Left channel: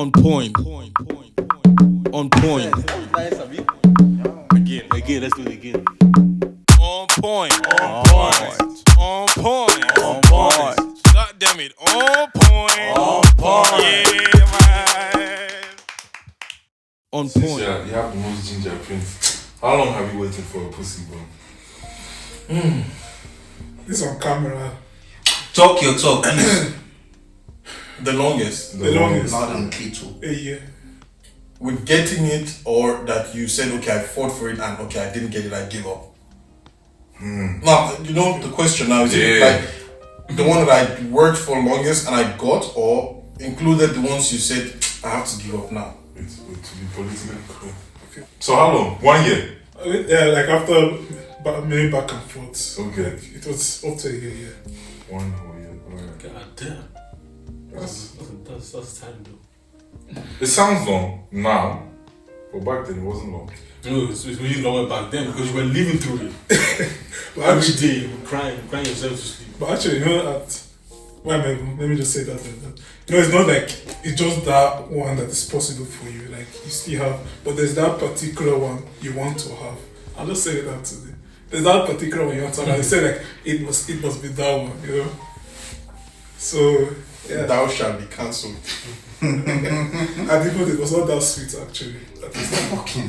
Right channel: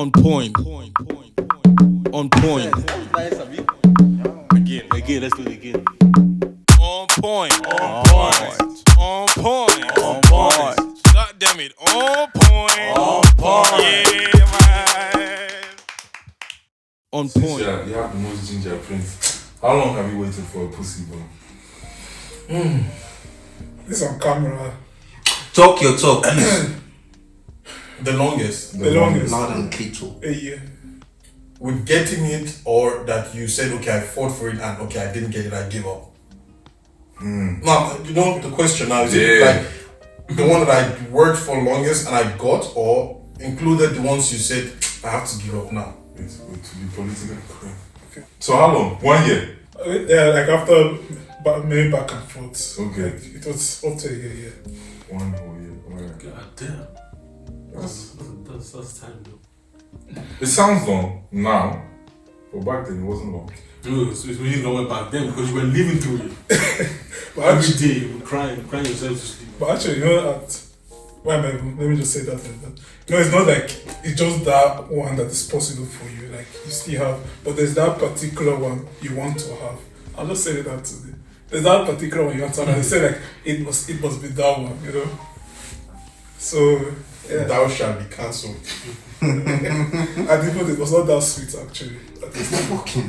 On point. On point. Nice, Abi. Again, let's do it again. On point. On point. On point. On point. God damn it. On point. On point. Yeah, man. On point. Yeah, you have the most ginger prince. How long have you waited for a pussy, bro? This on camera. Talk your talk, please. The longest. The longest. Loud and little. A year. With getting it, or that you said, okay, I fought for it and okay, I didn't get it, I give up. Now, you know the question now, is it like the one that I worked for longest and I got, or included the ones you said, I have to give up now? It's good to be politically correct. So how long? 1 year? Yeah, like after maybe back and forth. Okay. Like, it was up to a year, yeah. 1 whole year. Alright. God damn. That's time though. It sounds long now, but back then it wasn't long. No, it's really longer back then because you were living through it. But Every actually, day you were crying yourself to sleep. but actually, you know, let me just say that. You know, it's not like it's just that one that is possible for you. Like, you still have, but there's that particular one you want to have. I'll just say that today. There's that particular one you want to have. I say like it must be that one, you know. So yeah. Thou shalt be cancelled. And even it was not that sweet actually.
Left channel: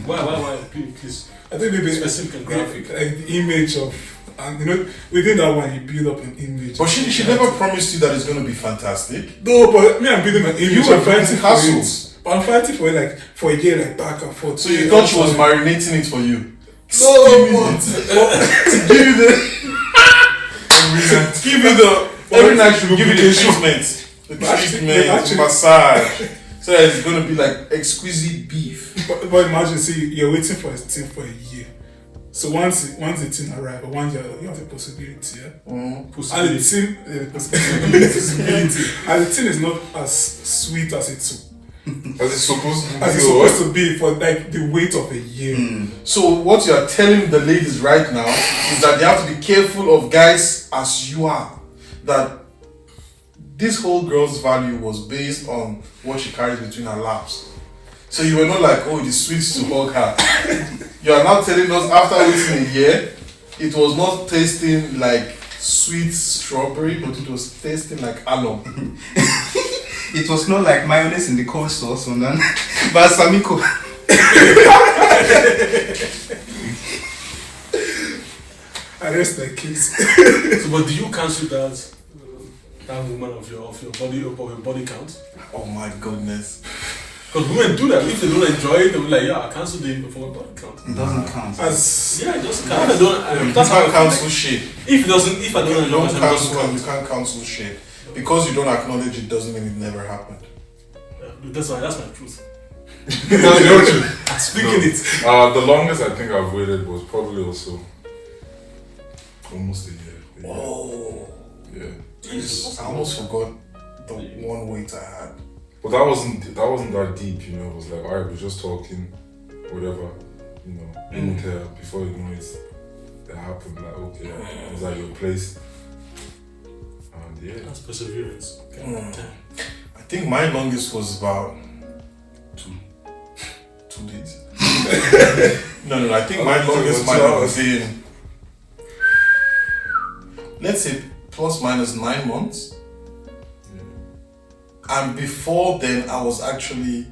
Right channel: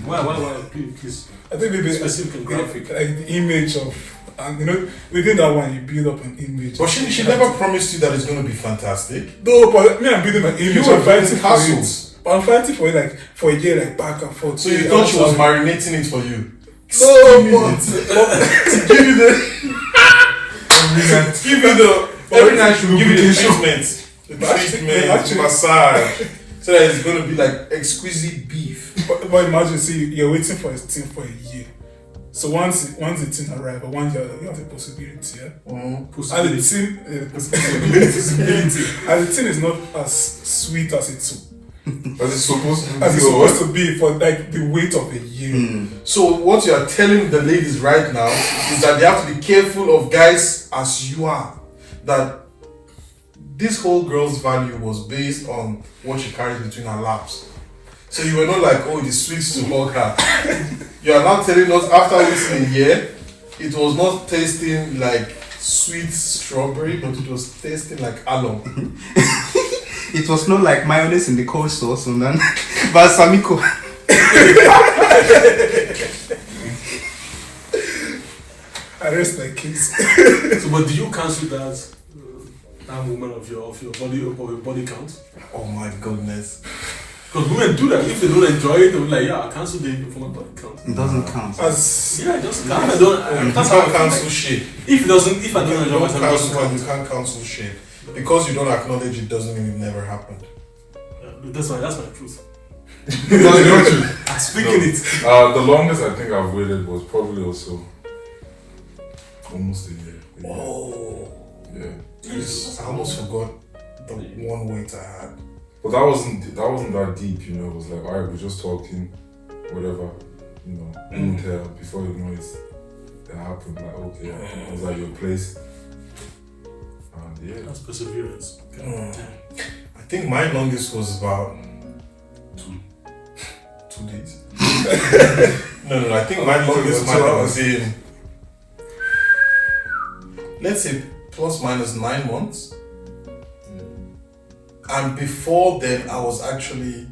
Why? Please. I think maybe Specific and graphic. like the image of, and you know, within that one you build up an image. But she never promised you that it's going to be fantastic. No, but me, I'm building an image. You were I'm fighting building for castles. it. But I'm fighting for it like for a year, like back and forth. So you thought she was marinating it for you? No, but Give you the every night she will give you the treatment. The massage. So that it's gonna be like exquisite beef. but imagine, see, you're waiting for a thing for a year. So once the thing arrives, or once you have the possibility, yeah. And the possibility, and the thing is not as sweet as it's As it's supposed to be. as it's supposed to be for like the weight of a year. So what you are telling the ladies right now is that they have to be careful of guys as you are. That this whole girl's value was based on what she carries between her laps. So you were not like, oh, it is sweet to hug her. You are now telling us after waiting a year, it was not tasting like sweet strawberry, but it was tasting like alum. It was not like mayonnaise in the cold sauce, and then balsamico. I rest like kids. So, but do you cancel that woman of your body count? Oh my goodness. Because women do that. If they don't enjoy it, they'll be like, yeah, I cancel the for my body count. It doesn't count. As Yeah, it doesn't count. That's how I You can't feel cancel like. shit. If I don't enjoy Don't myself, it doesn't cancel and count. you can't cancel shit. Because you don't acknowledge it doesn't mean it never happened. That's my truth. You know what? I'm speaking it. The longest I think I've waited was probably also almost a year. Oh. Yeah. I almost forgot the one weight I had. But that wasn't that deep, you know. It was like, alright, we're just talking, whatever, you know. You would tell before you know it happened. Like, okay, I was at your place, and yeah. That's perseverance. I think my longest was about 2 days. No, I think my longest might have been, let's say, plus minus 9 months. And before then, I was actually,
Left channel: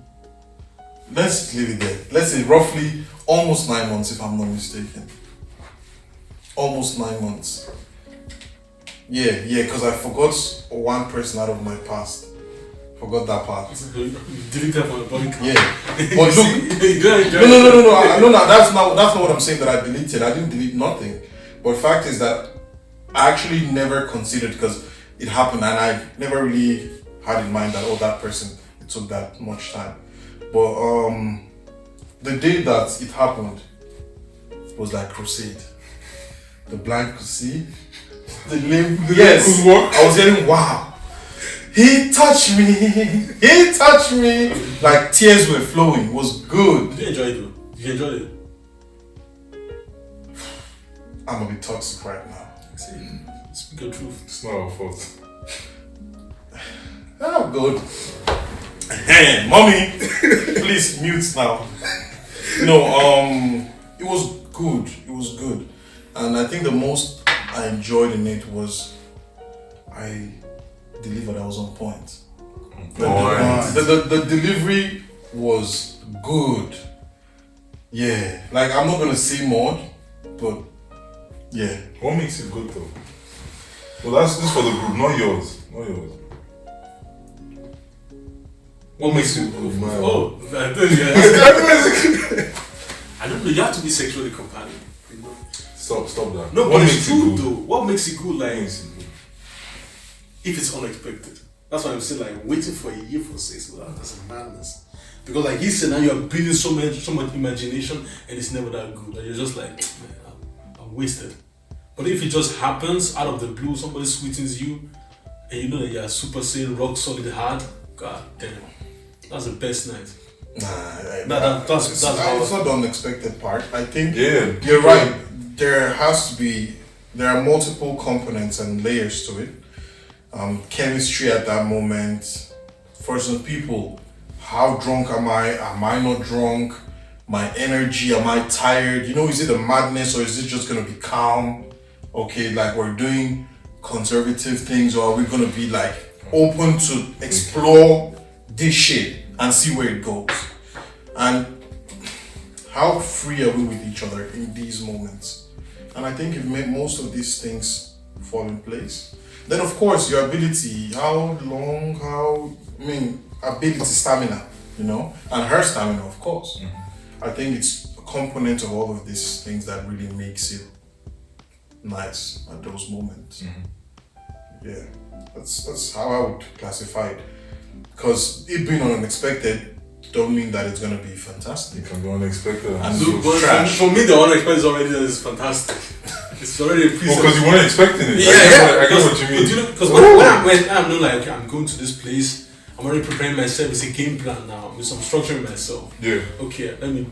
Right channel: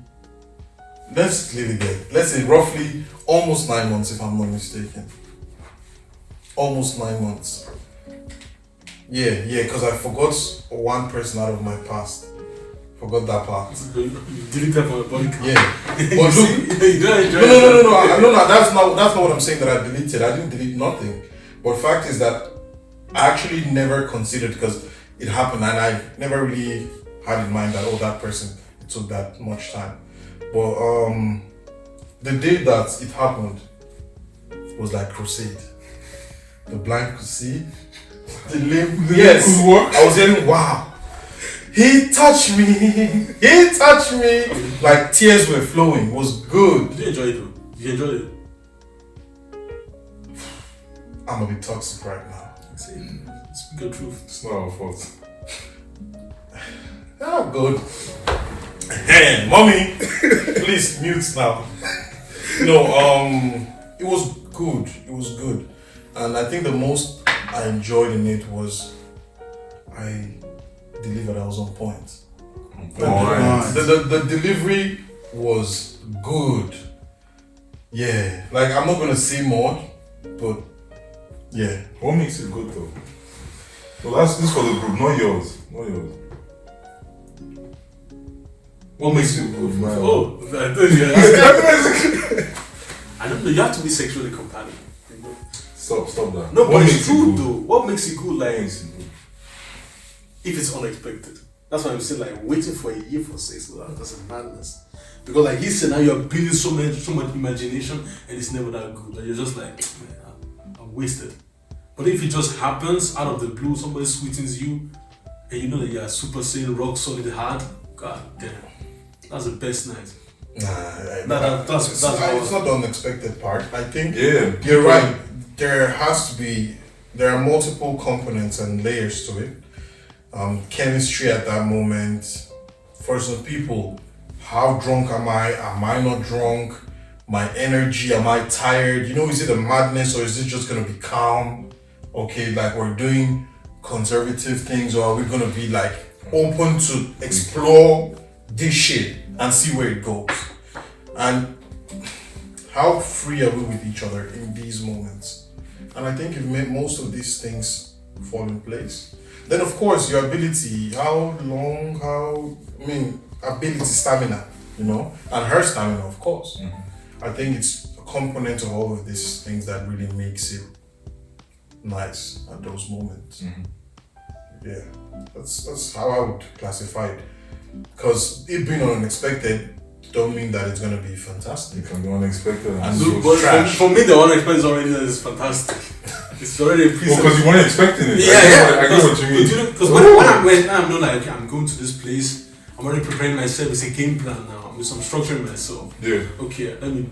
let's leave it there. Let's say roughly almost 9 months, if I'm not mistaken. Almost 9 months. Yeah, because I forgot one person out of my past. Forgot that part. You deleted from your body count. Yeah. But look, no, that's not what I'm saying that I deleted. I didn't delete nothing. But fact is that I actually never considered, because it happened and I never really had in mind that, oh, that person, it took that much time. But the day that it happened was like crusade. The blind could see, the lame could walk. I was hearing, wow, he touched me, like tears were flowing. It was good. Did you enjoy it though? Did you enjoy it? I'm a bit toxic right now. Speak the truth. It's not our fault. Oh, good. Man, mommy, please mute now. No, it was good. It was good, and I think the most I enjoyed in it was I delivered. I was on point. The delivery was good. Yeah, like I'm not gonna say more, but yeah. What makes it good though? Well, this is for the group, not yours. Not yours. What makes you? Oh, I don't know. You have to be sexually compatible. Stop that. No, What but makes it's it true good? though. What makes it good? What Like makes it good? if it's unexpected. That's why I'm saying like waiting for a year for sex. That's a madness. Because like he said, now you're building so much imagination, and it's never that good. And you're just like, man, I'm wasted. But if it just happens out of the blue, somebody sweetens you, and you know that you're super sane, rock solid hard. God damn, that's the best night. That's It's not the unexpected part. I think Yeah. you're right. There are multiple components and layers to it. Chemistry at that moment. For some people, how drunk am I? Am I not drunk? My energy, am I tired? You know, is it a madness or is it just gonna be calm? Okay, like we're doing conservative things, or are we gonna be like open to explore this shit and see where it goes? And how free are we with each other in these moments? And I think you've made most of these things fall in place. Then of course your ability, ability, stamina, you know, and her stamina, of course. I think it's a component of all of these things that really makes it nice at those moments. Yeah, that's how I would classify it. Because it being unexpected don't mean that it's gonna be fantastic. It can be unexpected. And Look, but for me, the unexpected is already that is fantastic. It's already a piece because you weren't expecting it. Yeah, I get what you mean. Because when I'm not like I'm going to this place, I'm already preparing myself. It's a game plan now. I'm structuring myself. Yeah. Okay, let me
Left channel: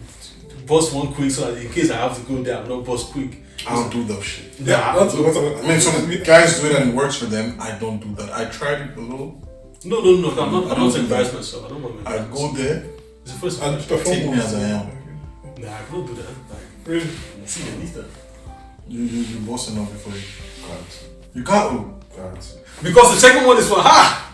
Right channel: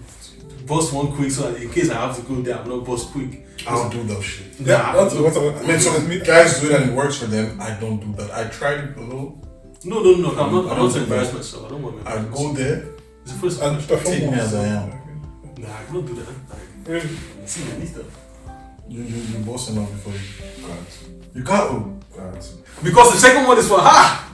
bust one quick so that in case I have to go there, I'm not bust quick. I don't do that shit. Yeah, that's Some guys do it and it works for them. I don't do that. I tried it a little. No. I'm not. I don't embarrass myself. I don't want my. I go there. It's the first and time. Take me as I am. Nah, I don't do that. Like, Really? see, I need that. You boss enough before you. Can't. You can't. Can't. Because the second one is for her.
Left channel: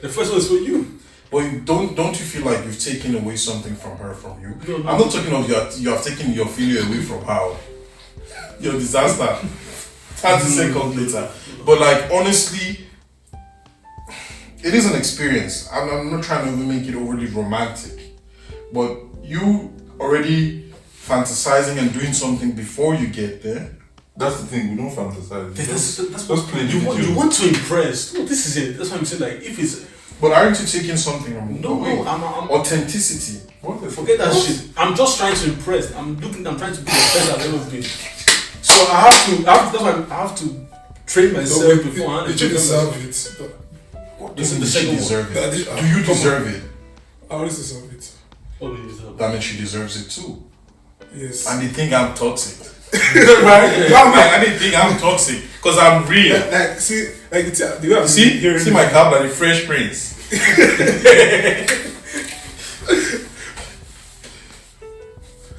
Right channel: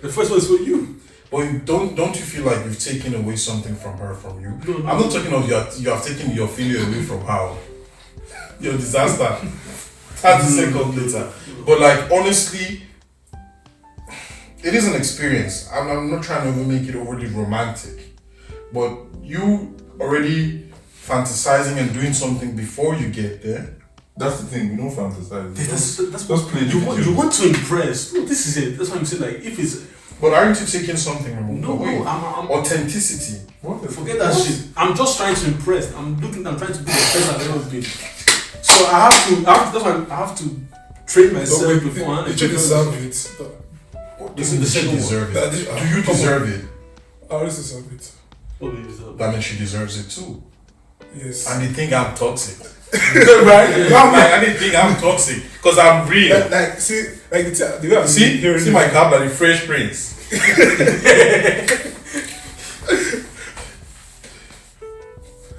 The first one is for you. But don't you feel like you've taken away something from her, from you? No. I'm not talking of you have taken your failure away from her. Your disaster. That's the second later. But like honestly, it is an experience. I'm not trying to even make it overly romantic. But you already fantasizing and doing something before you get there. That's the thing. We don't fantasize. That's Just play the video. you want to impress. No, this is it. That's what I'm saying. Like, if it's But aren't you taking something away? I'm Authenticity. forget that shit. I'm just trying to impress. I'm trying to be the best I've ever been. So I have to. That's why I have to train myself beforehand. Did you deserve it? This is the She second deserve one. it. Do you deserve it? I always deserve it. What do you deserve? That means she deserves it too. Yes. And they think I'm toxic. Right? And they think I'm toxic because I'm real. Like, see, like the way I'm See my cap like the Fresh Prince.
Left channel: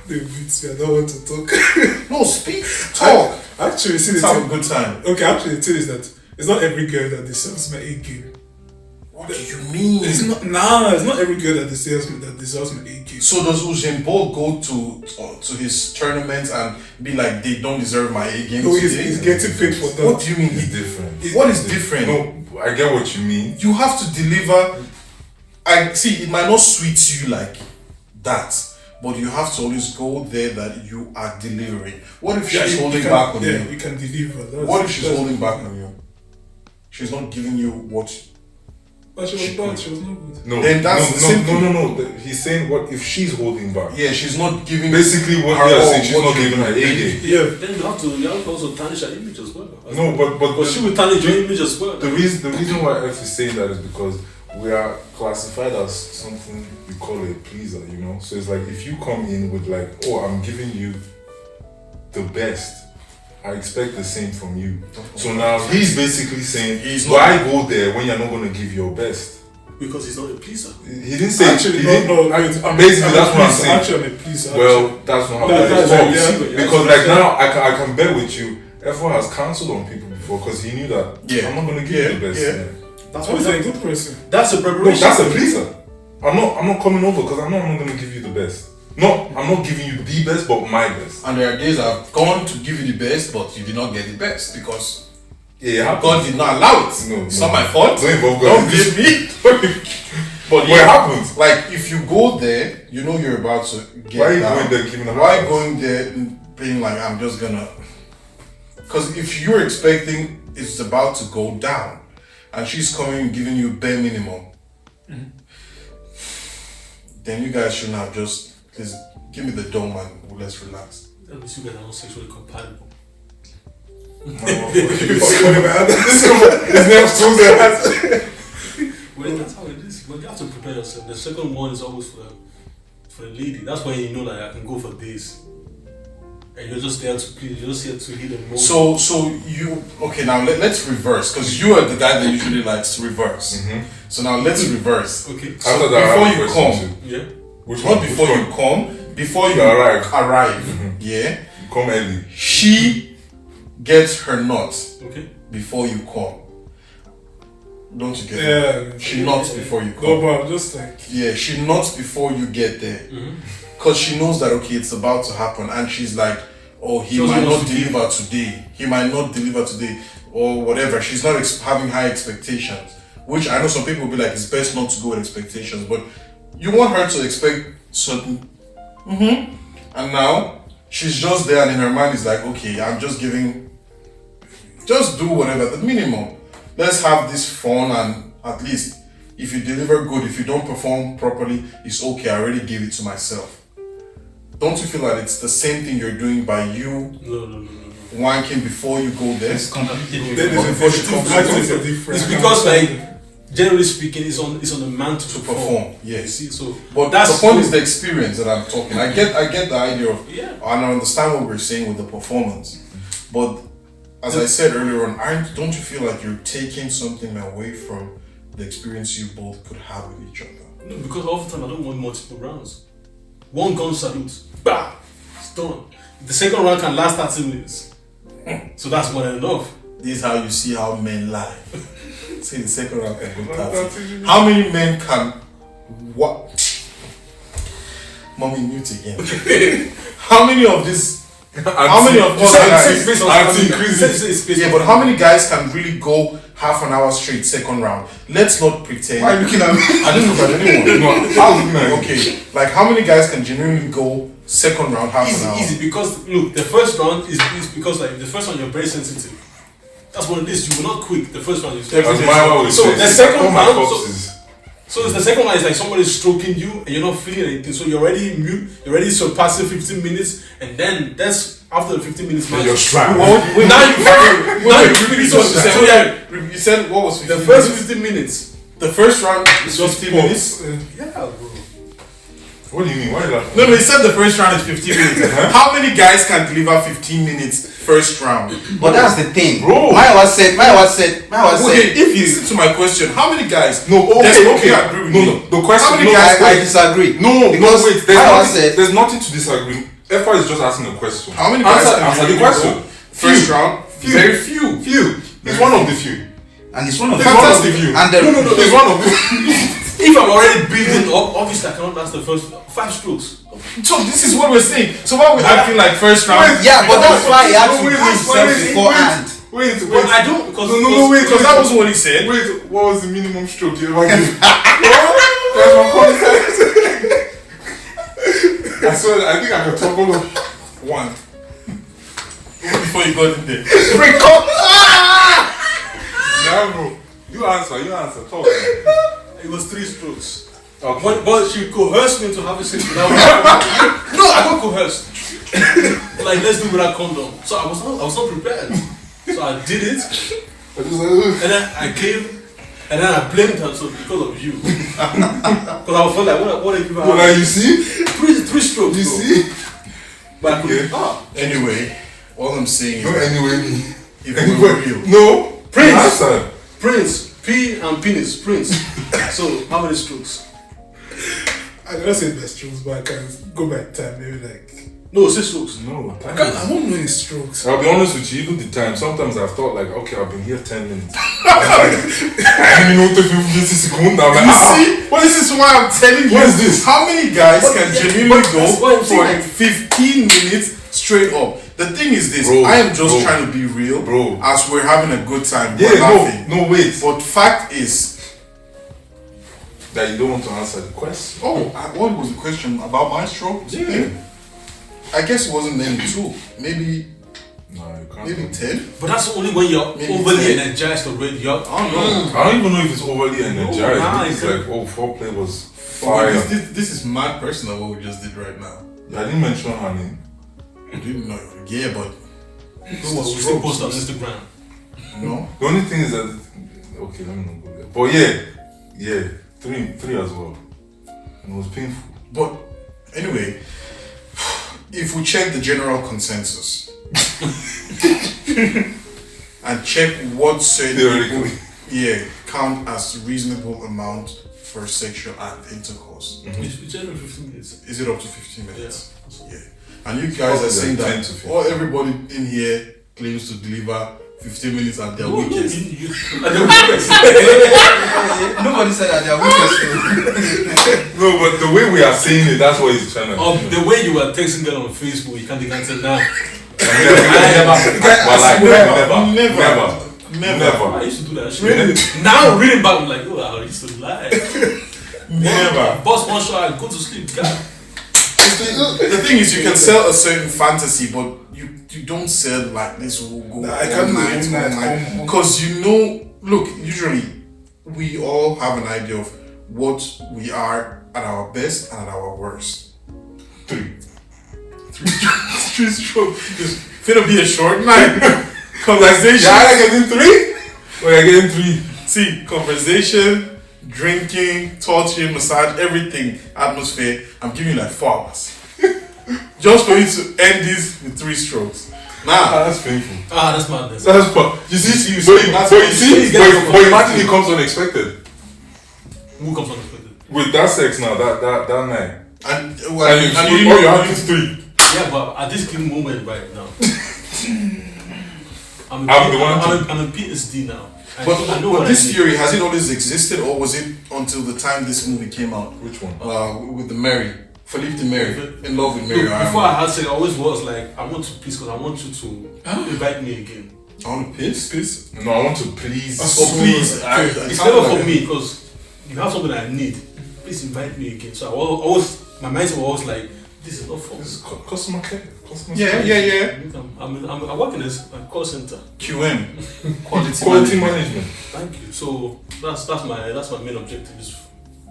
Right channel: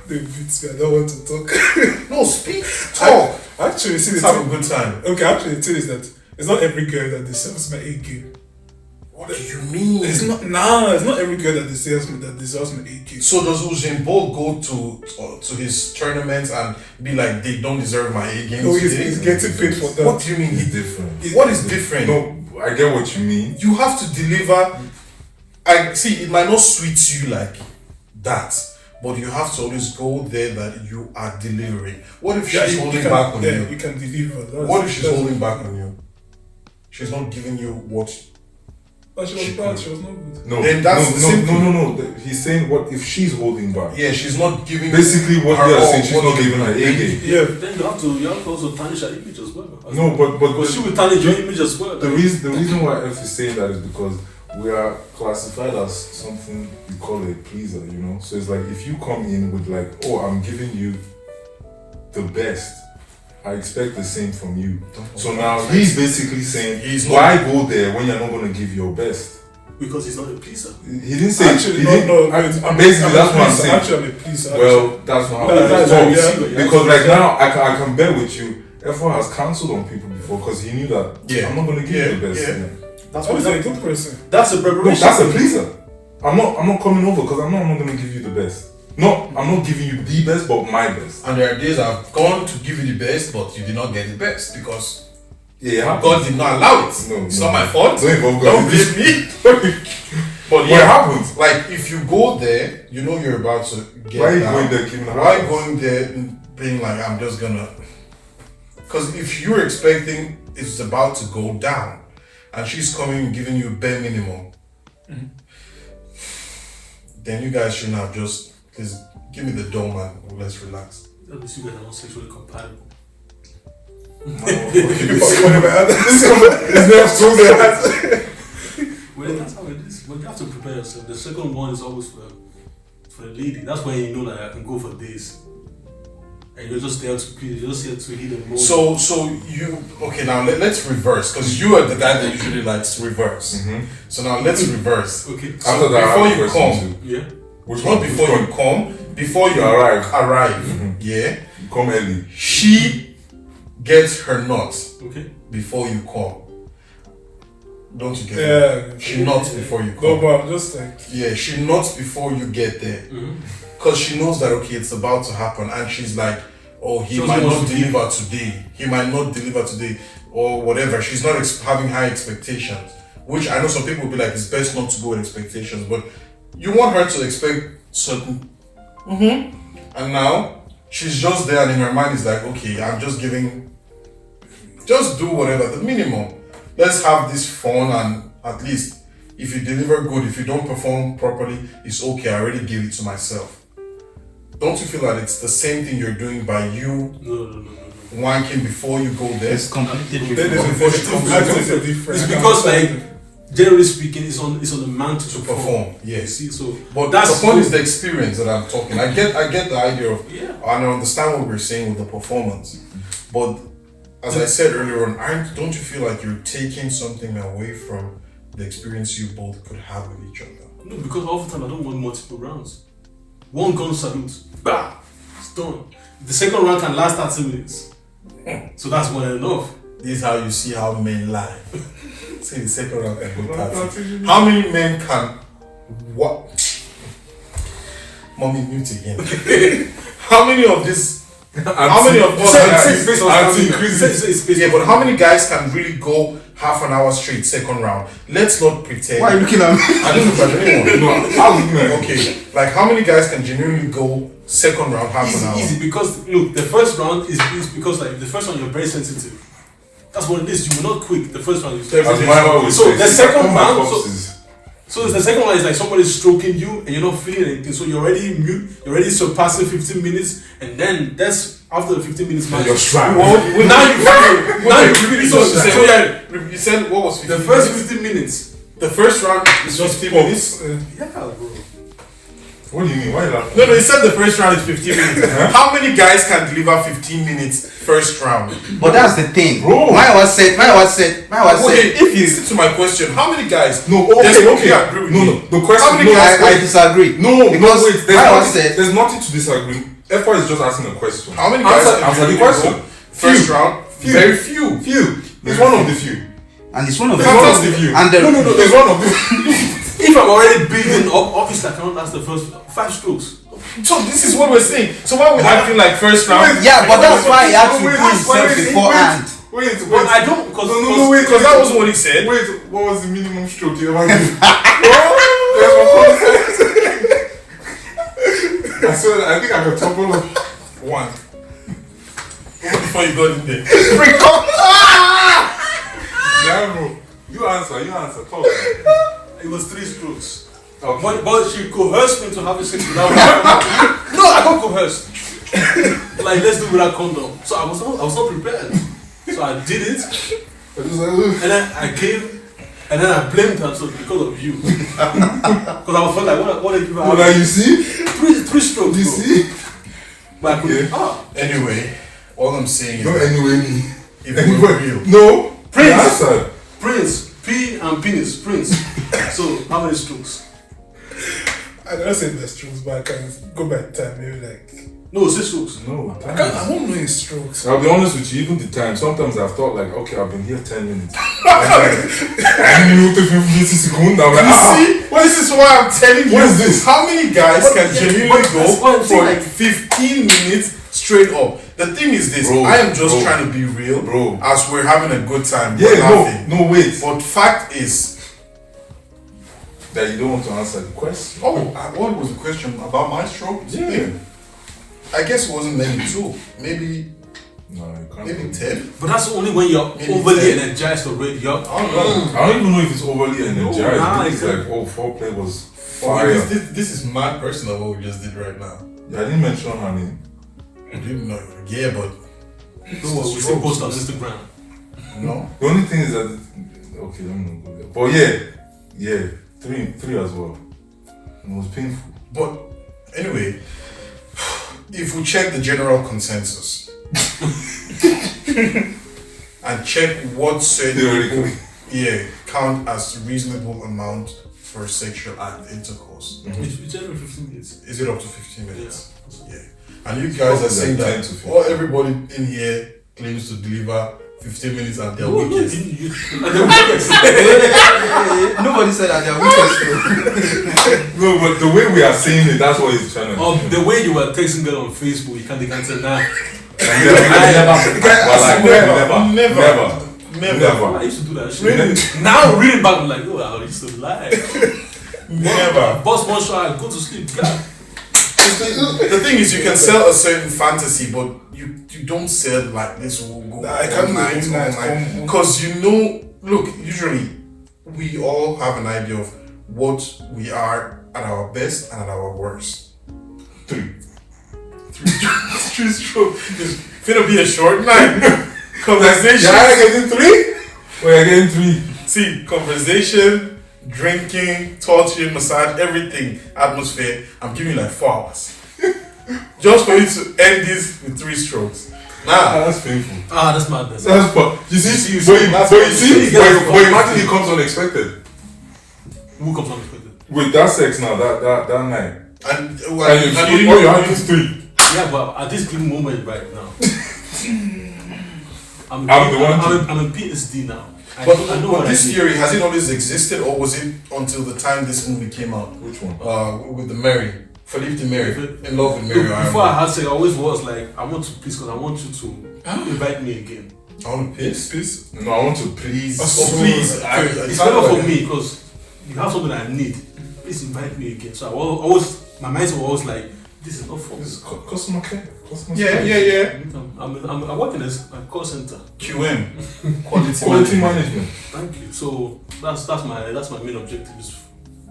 They beat me. I don't want to talk. No, speak, talk. Actually, see, Let's have a good time. okay. Actually, the thing is that it's not every girl that deserves my A game. What do you mean? It's not every girl that deserves my A game. So does Usain Bolt go to his tournaments and be like, they don't deserve my A game? No, he's getting paid for that. What do you mean? It's different. What is different? No, I get what you mean. You have to deliver. I see. It might not sweet you like that, but you have to always go there that you are delivering. What if she's holding back on you? You can deliver. What if she's holding back on you? She's not giving you what. But she was bad. She was not good. No, Then that's the same thing. no. He's saying what if she's holding back? Yeah, she's not giving. Basically, what her they are all, saying, she's what not you- giving her A game. Yeah. Then you have to also tarnish her image as well. No, but she will tarnish your image as well. the reason why F is saying that is because we are classified as something we call a pleaser, you know. So it's like if you come in with like, oh, I'm giving you the best, I expect the same from you. So now he's basically saying, He's why not- go there when you're not going to give your best? Because he's not a pleaser. He didn't say. Actually, he no, didn't, no. basically, that's what I'm saying. Actually, please. Well, that's not how That's it right, works. yeah. Because like now, I can bet with you. F1 has cancelled on people before because he knew that I'm not going to give you the best. Yeah. That's I what was a good person. That's a No, preparation. that's a pleaser. I'm not coming over because I'm not going to give you the best. No, I'm not giving you the best, but my best. And there are days I've gone to give you the best, but you did not get the best because Yeah, God did not allow it. No, It's no. not my fault. Don't involve God. Don't blame me. But What happens? like if you go there, you know you're about to get Why are you down. going there giving a Why house? going there being like I'm just gonna? Because if you're expecting it's about to go down, and she's coming giving you bare minimum, then you guys shouldn't have just please give me the dome and let's relax. At least you guys are not sexually compatible. Whenever I had this, His name so there. Well, that's how it is. But you have to prepare yourself. The second one is always for the lady. That's when you know that I can go for this. And you're just there to please. You're just here to hit them. So you okay now? Let's reverse because you are the guy that usually likes reverse. So now let's reverse. Okay. So After that, before I have a you question come, too. Yeah. Which not one? before Which you one? come, before you You arrive. yeah, You come early. she gets her nuts Okay. before you come. Don't you get yeah. it? She nuts before you No, come. but I'm just like, Yeah, she nuts before you get there. Because she knows that, okay, it's about to happen. And she's like, oh, he She might also not wants to deliver today. He might not deliver today. Or whatever. She's not having high expectations. Which I know some people will be like, it's best not to go with expectations. But you want her to expect certain... And now, she's just there and in her mind is like, okay, I'm just giving... Just do whatever, the minimum. Let's have this fun and at least if you deliver good, if you don't perform properly, it's okay. I already gave it to myself. Don't you feel that it's the same thing you're doing by you No. wanking before you go there? It's completely then different. there's a difference. It's because generally speaking, it's on the man to Perform, You yes. see, so But that's the point is the experience that I'm talking. I get the idea of, Yeah. and I understand what we're saying with the performance. But as I said earlier on, don't you feel like you're taking something away from the experience you both could have with each other? No, because all the time I don't want multiple rounds. One gun salute, bah, it's done. The second round can last 30 minutes. So that's more than enough. This is how you see how men lie. See the second round can go 30. How many men can what? Mommy mute again. How many of this? How many of us? Yeah, but how many guys can really go half an hour straight second round? Let's not pretend. Why are you looking at me? I didn't look at anyone. No, I was looking at you. Okay, like how many guys can genuinely go second round half an hour? Easy, because look, the first round is because like the first one you're very sensitive. That's what it is. You will not quick. The first round is As my always so says, the second round. corpses. So it's the second one is like somebody's stroking you and you're not feeling anything. So you're already mute, you're already surpassing 15 minutes, and then that's after the 15 minutes mark. You're strapped. Now you feel it. So You said what was 15 the first minutes? 15 minutes. The first round is Just 15 pop. minutes. Yeah, bro. What do you mean? Why is that? No, he said the first round is 15 minutes. How many guys can deliver 15 minutes first round? But that's the thing. Bro. My said, Okay, if you... listen to my question, how many guys? No, There's okay, no okay. way I agree with No, me. no. The question. How many no, guys- I disagree. No, because no, wait. there's There's nothing to disagree. Effa is just asking a question. How many guys can answer the really question? go first round? Few. Very few. Few. He's one of the few. and it's one of He's one of the the few. and the, No. He's one of the. If I'm already building up, obviously I cannot last the first 5 strokes. So this is what we're saying. So why would I feel like first round? yeah, but that's why he had to Wait, do himself beforehand. Wait. But I don't because No, wait. Because that wasn't what he said. Wait, what was the minimum stroke you ever gave? There's my context. I swear, I think I got trouble of One. Before you got in there. yeah, bro. You answer. Talk. it was 3 strokes. Okay. But she coerced me to have a sex without No, I got coerced. Like let's do it without condom. So I was not prepared. So I did it, I just like, ugh. and then I came, and then I blamed her so because of you. Because I was like, what did you Well, now you see? 3 strokes, You bro. see? But I couldn't. Okay. Anyway, all I'm saying is No, that anyway, me. if we were real. No. Prince. Answer. Prince, P and penis, Prince. So, how many strokes? I cannot say my strokes, but I can go by time. Maybe like. No, 6 strokes. No, I won't know his strokes. I'll be honest with you, even the time, sometimes I've thought like, okay, I've been here 10 minutes. I minute 50 seconds. I'm like, See? Well, this is why I'm telling you. What is this? How many guys can genuinely that's why go I'm for saying, like 15 minutes straight up? The thing is this, Bro, I am just bro, trying to be real, bro. as we're having a good time. Yeah, we're laughing. no, wait. But fact is, That you don't want to answer the question. what was the question about my stroke? Yeah. I guess it wasn't maybe 2, maybe No, you can't. maybe 10. But that's only when you're Maybe overly 10. energized already. You're, I don't even know if it's overly energized. nah, It's it's like, foreplay was Oh, fire. this is mad personal what we just did right now. Yeah, I didn't mention her name. I didn't know. Yeah, but we still post on Instagram. no. The only thing is that, okay, let me not go there. But yeah, three as well. And it was painful. But anyway, if we check the general consensus and check what certain people count as reasonable amount for sexual act intercourse, It's every 15 minutes. is it up to 15 minutes? Yeah. Yeah. And you guys are saying like 10 that to 15. well, everybody in here claims to deliver 15 minutes at their weekends. Nobody said that they are weakest. No, but the way we are saying it, that's what he's trying to do. The way you were texting girl on Facebook, you can't tell now. Never. I used to do that shit. Now reading back, I'm like, oh, I used to lie. Never. Boss one shot, I go to sleep. God. The thing is, you can sell a certain fantasy, but you don't sell like this will go Nah, I can't do all night. because you know. Look, usually we all have an idea of what we are at our best and at our worst. Three strokes. It's gonna be a short night. Conversation. You're getting 3? Or you're getting 3? See, conversation, drinking, touching, massage, everything, atmosphere. I'm giving you like 4 hours. Just for you to end this with 3 strokes. Nah. That's painful. That's madness. That's but you see, that's but what you see, you but imagine it comes unexpected. Who comes on the photo? With that sex now, that night. And And you all you have is 3. Yeah, but at this given moment right now, I'm in PSD now. I know But what this I need. theory, has it always existed, or was it until the time this movie came out? Which one? With the Mary. Philippe de Mary. In love with Mary. Look, before I had sex, I always was like, I want to piss because I want you to invite me again. I want to piss? No, I want to please. Oh, please. It's better for me because you have something I need. Please invite me again. So I always, my mind was always like, this is not for me. This is customer care. Yeah. I work in a call center. QM. Quality management. Thank you. So that's my main objective.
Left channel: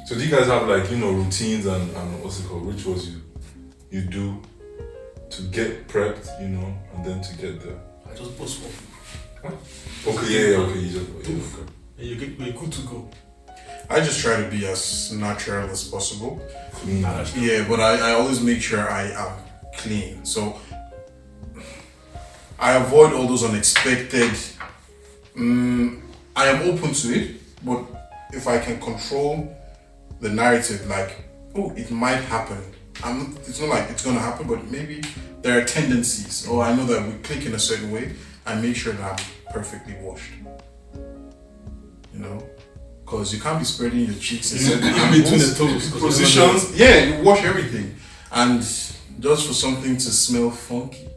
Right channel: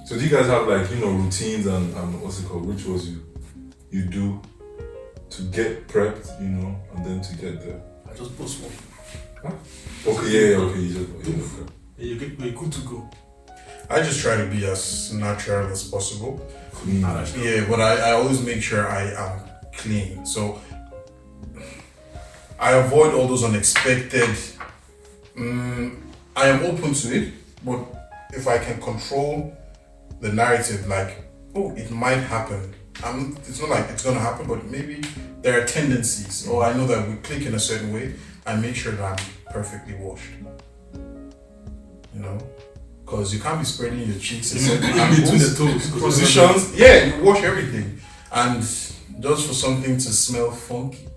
So do you guys have like routines and what's it called, rituals you do to get prepped, and then to get there? I just post one. Huh? Okay, yeah, okay, you just okay. And you're good to go. I just try to be as natural as possible. Clean. Yeah, but I always make sure I am clean. So I avoid all those unexpected. I am open to it, but if I can control the narrative, like, oh, it might happen. It's not like it's gonna happen, but maybe there are tendencies, or I know that we click in a certain way. I make sure that I'm perfectly washed. Because you can't be spreading your cheeks in certain In between the toes. positions. Yeah, you wash everything, and just for something to smell funky.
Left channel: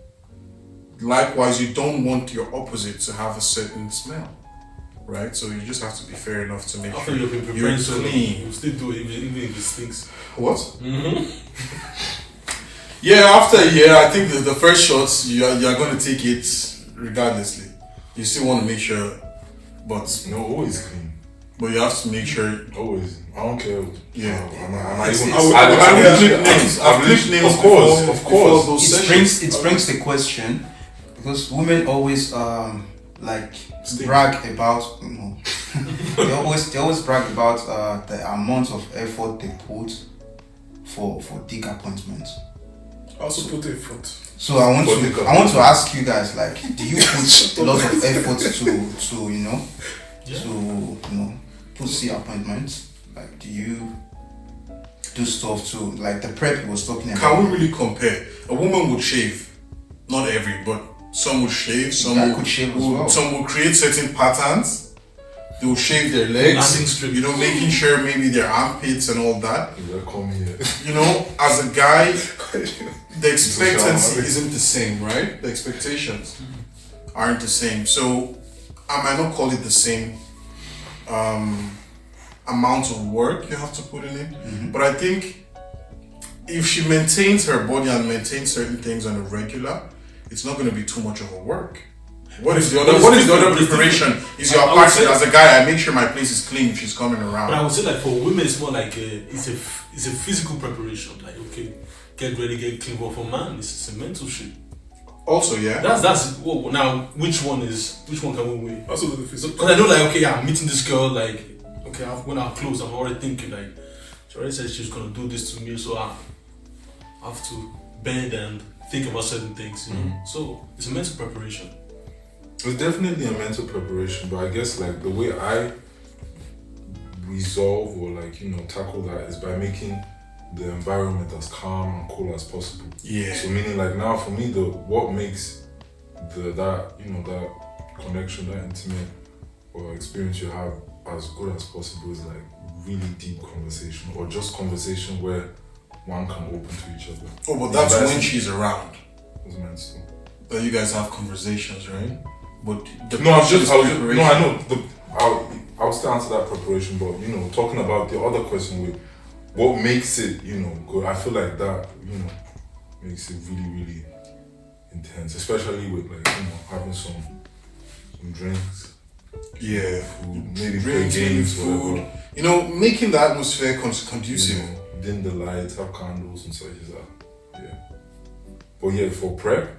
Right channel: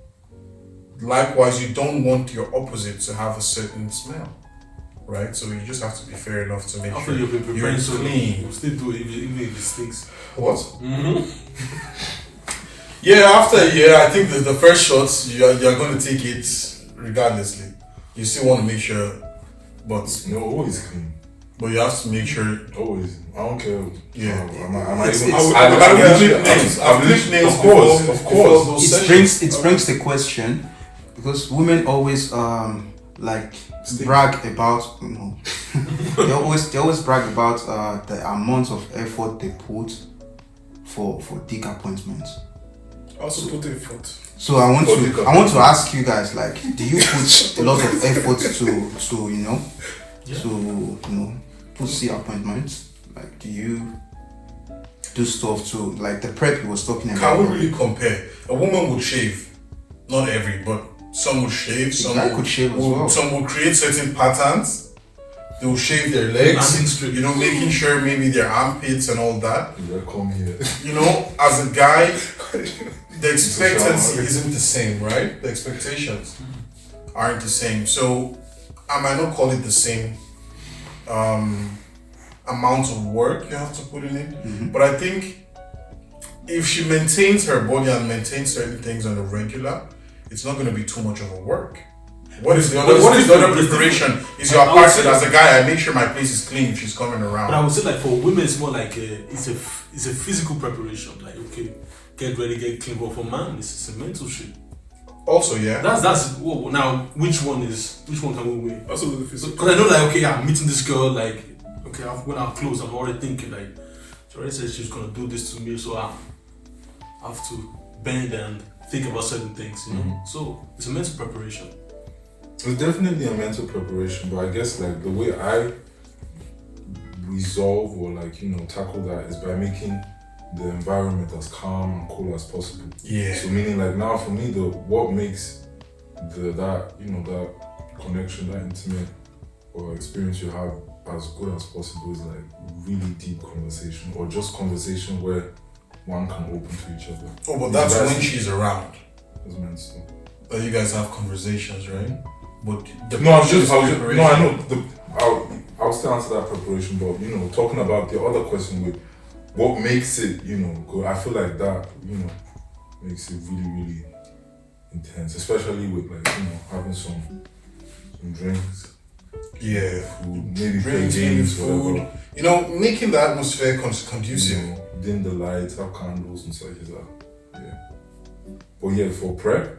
Likewise, you don't want your opposite to have a certain smell, right? So you just have to be fair enough to make After sure you've been you're preparing, so clean. you still do it even if it stinks. What? Mm-hmm. Yeah, after a year, I think the first shots you're going to take it regardlessly. You still want to make sure, but No, always clean. you have to make sure. Always. I don't care. Yeah. I've lived nails. Of before course. those It sessions. brings the question, because women always brag about they always brag about the amount of effort they put for dick appointments. Also put effort. So I want to ask you guys, like, do you put a lot of effort to pussy appointments? Like, do you do stuff to, like the prep he was talking about? Can we really compare? A woman would shave, not every, but some would shave. Some could shave as would, well. Some will create certain patterns. They will shave their legs, you know, making sure maybe their armpits and all that. Yeah, come here. You know, as a guy, the expectancy isn't the same, right? The expectations aren't the same. So I might not call it the same amount of work you have to put in it, but I think if she maintains her body and maintains certain things on a regular, it's not going to be too much of a work. What is the other preparation? Is your apartment as a guy? I make sure my place is clean if she's coming around. But I would say like for women, it's more like it's a physical preparation. Like okay, get ready, get clean. But for man, it's a mental shit. Also, yeah. That's now which one can we weigh? Also the physical. Because I know like okay, I'm meeting this girl like okay, when I'm close, I'm already thinking like she already said she's gonna do this to me, so I have to bend and think about certain things. You know, so it's a mental preparation. It's definitely a mental preparation, but I guess like the way I resolve or like, you know, tackle that is by making the environment as calm and cool as possible. Yeah. So meaning like now for me, what makes that connection, that intimate or experience you have as good as possible is like really deep conversation or just conversation where one can open to each other. Oh, but that's when she's around. It's meant to. That you guys have conversations, right? But I know. I'll still answer that preparation, but you know, talking about the other question with what makes it, you know, good. I feel like that, you know, makes it really, really intense, especially with like, you know, having some drinks. Yeah, food, maybe drinks, games, food. whatever. You know, making the atmosphere conducive. You know, dim the lights, have candles and such as that. Yeah. But yeah, for prep,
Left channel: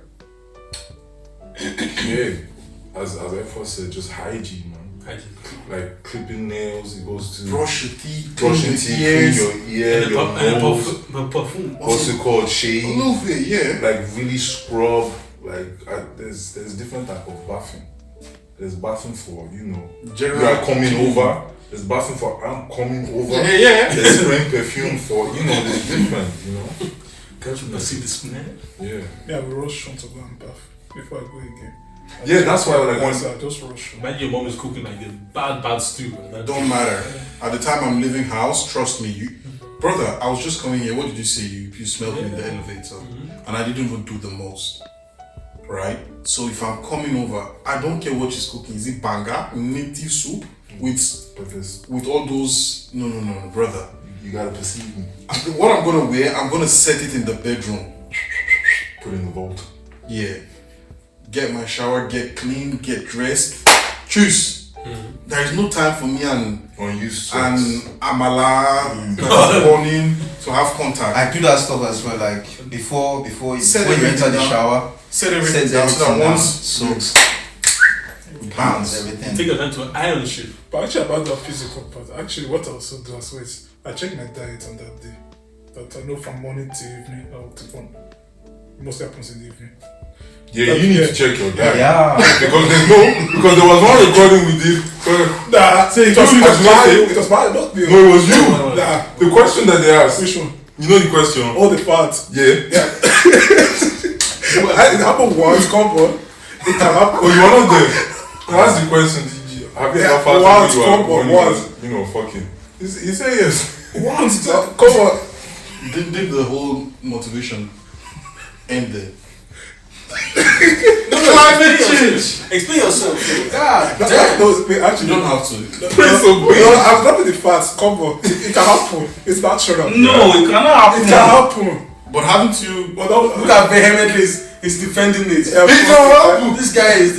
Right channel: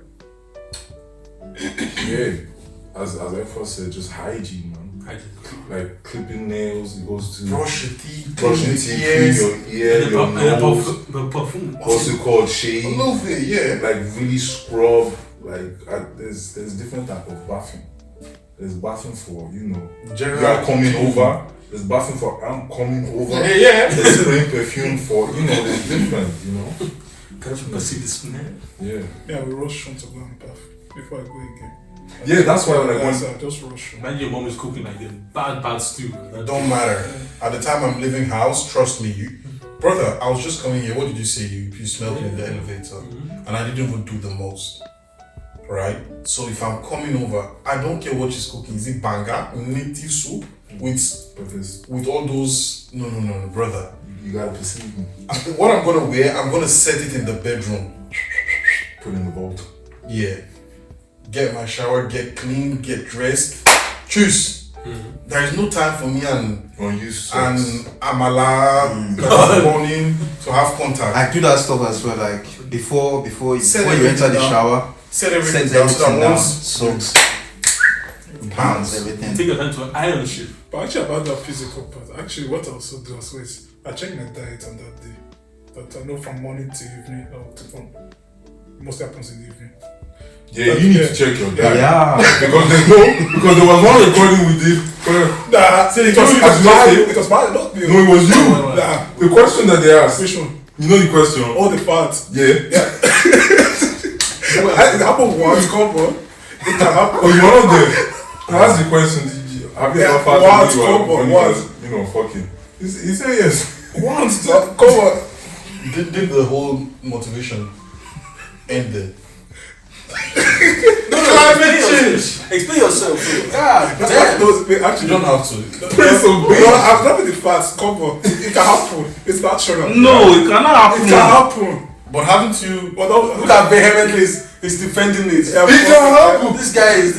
yeah, as Effa said, just hygiene, man. Like clipping nails, it goes to brush your teeth, clean your ear, your nose. Perfume. What's it called? Shave. A little bit, yeah. Like really scrub. Like there's different type of bathing. There's bathing for, you know, you are coming over. There's bathing for I'm coming over. Yeah. There's spraying perfume for, you know, there's different, you know. Can't you perceive the smell? Yeah. Yeah, we rush on to go and bath before I go again. Yeah, that's why like when I just rush. Imagine your mom is cooking like a bad stew. Don't matter. At the time I'm leaving house, trust me, brother, I was just coming here. What did you say? You smelled me in the elevator, and I didn't even do the most. Right? So if I'm coming over, I don't care what she's cooking. Is it banga, native soup with all those? No, brother. You gotta perceive me. What I'm gonna wear, I'm gonna set it in the bedroom. Put in the vault. Yeah. Get my shower, get clean, get dressed. Choose. There is no time for me and Amala this morning to have contact. I do that stuff as well. Like before you enter the shower, set everything down so that once soaks, bounce everything. Take your time to iron shit. But actually about that physical part, actually what I also do as well is I check my diet on that day. That I know from morning to evening it mostly happens in the evening. Yeah, you need to check your diet. Yeah. because there was one recording we did. Nah, say it was bad, not me. No, it was you. Nah. The question that they asked. Which one? You know the question? All the parts. Yeah. It happened once, come on. It can happen. Oh, you are not there. That's the question. Have you ever once, come on, once. You know, fucking. He said yes. Once, come on. Did the whole motivation end there? Explain yourself. Actually, you don't have to. I'm not with the facts. Come on, it can happen. It's natural. No, it cannot happen. It can happen. But haven't you? Look at vehemently is defending it. It can happen. This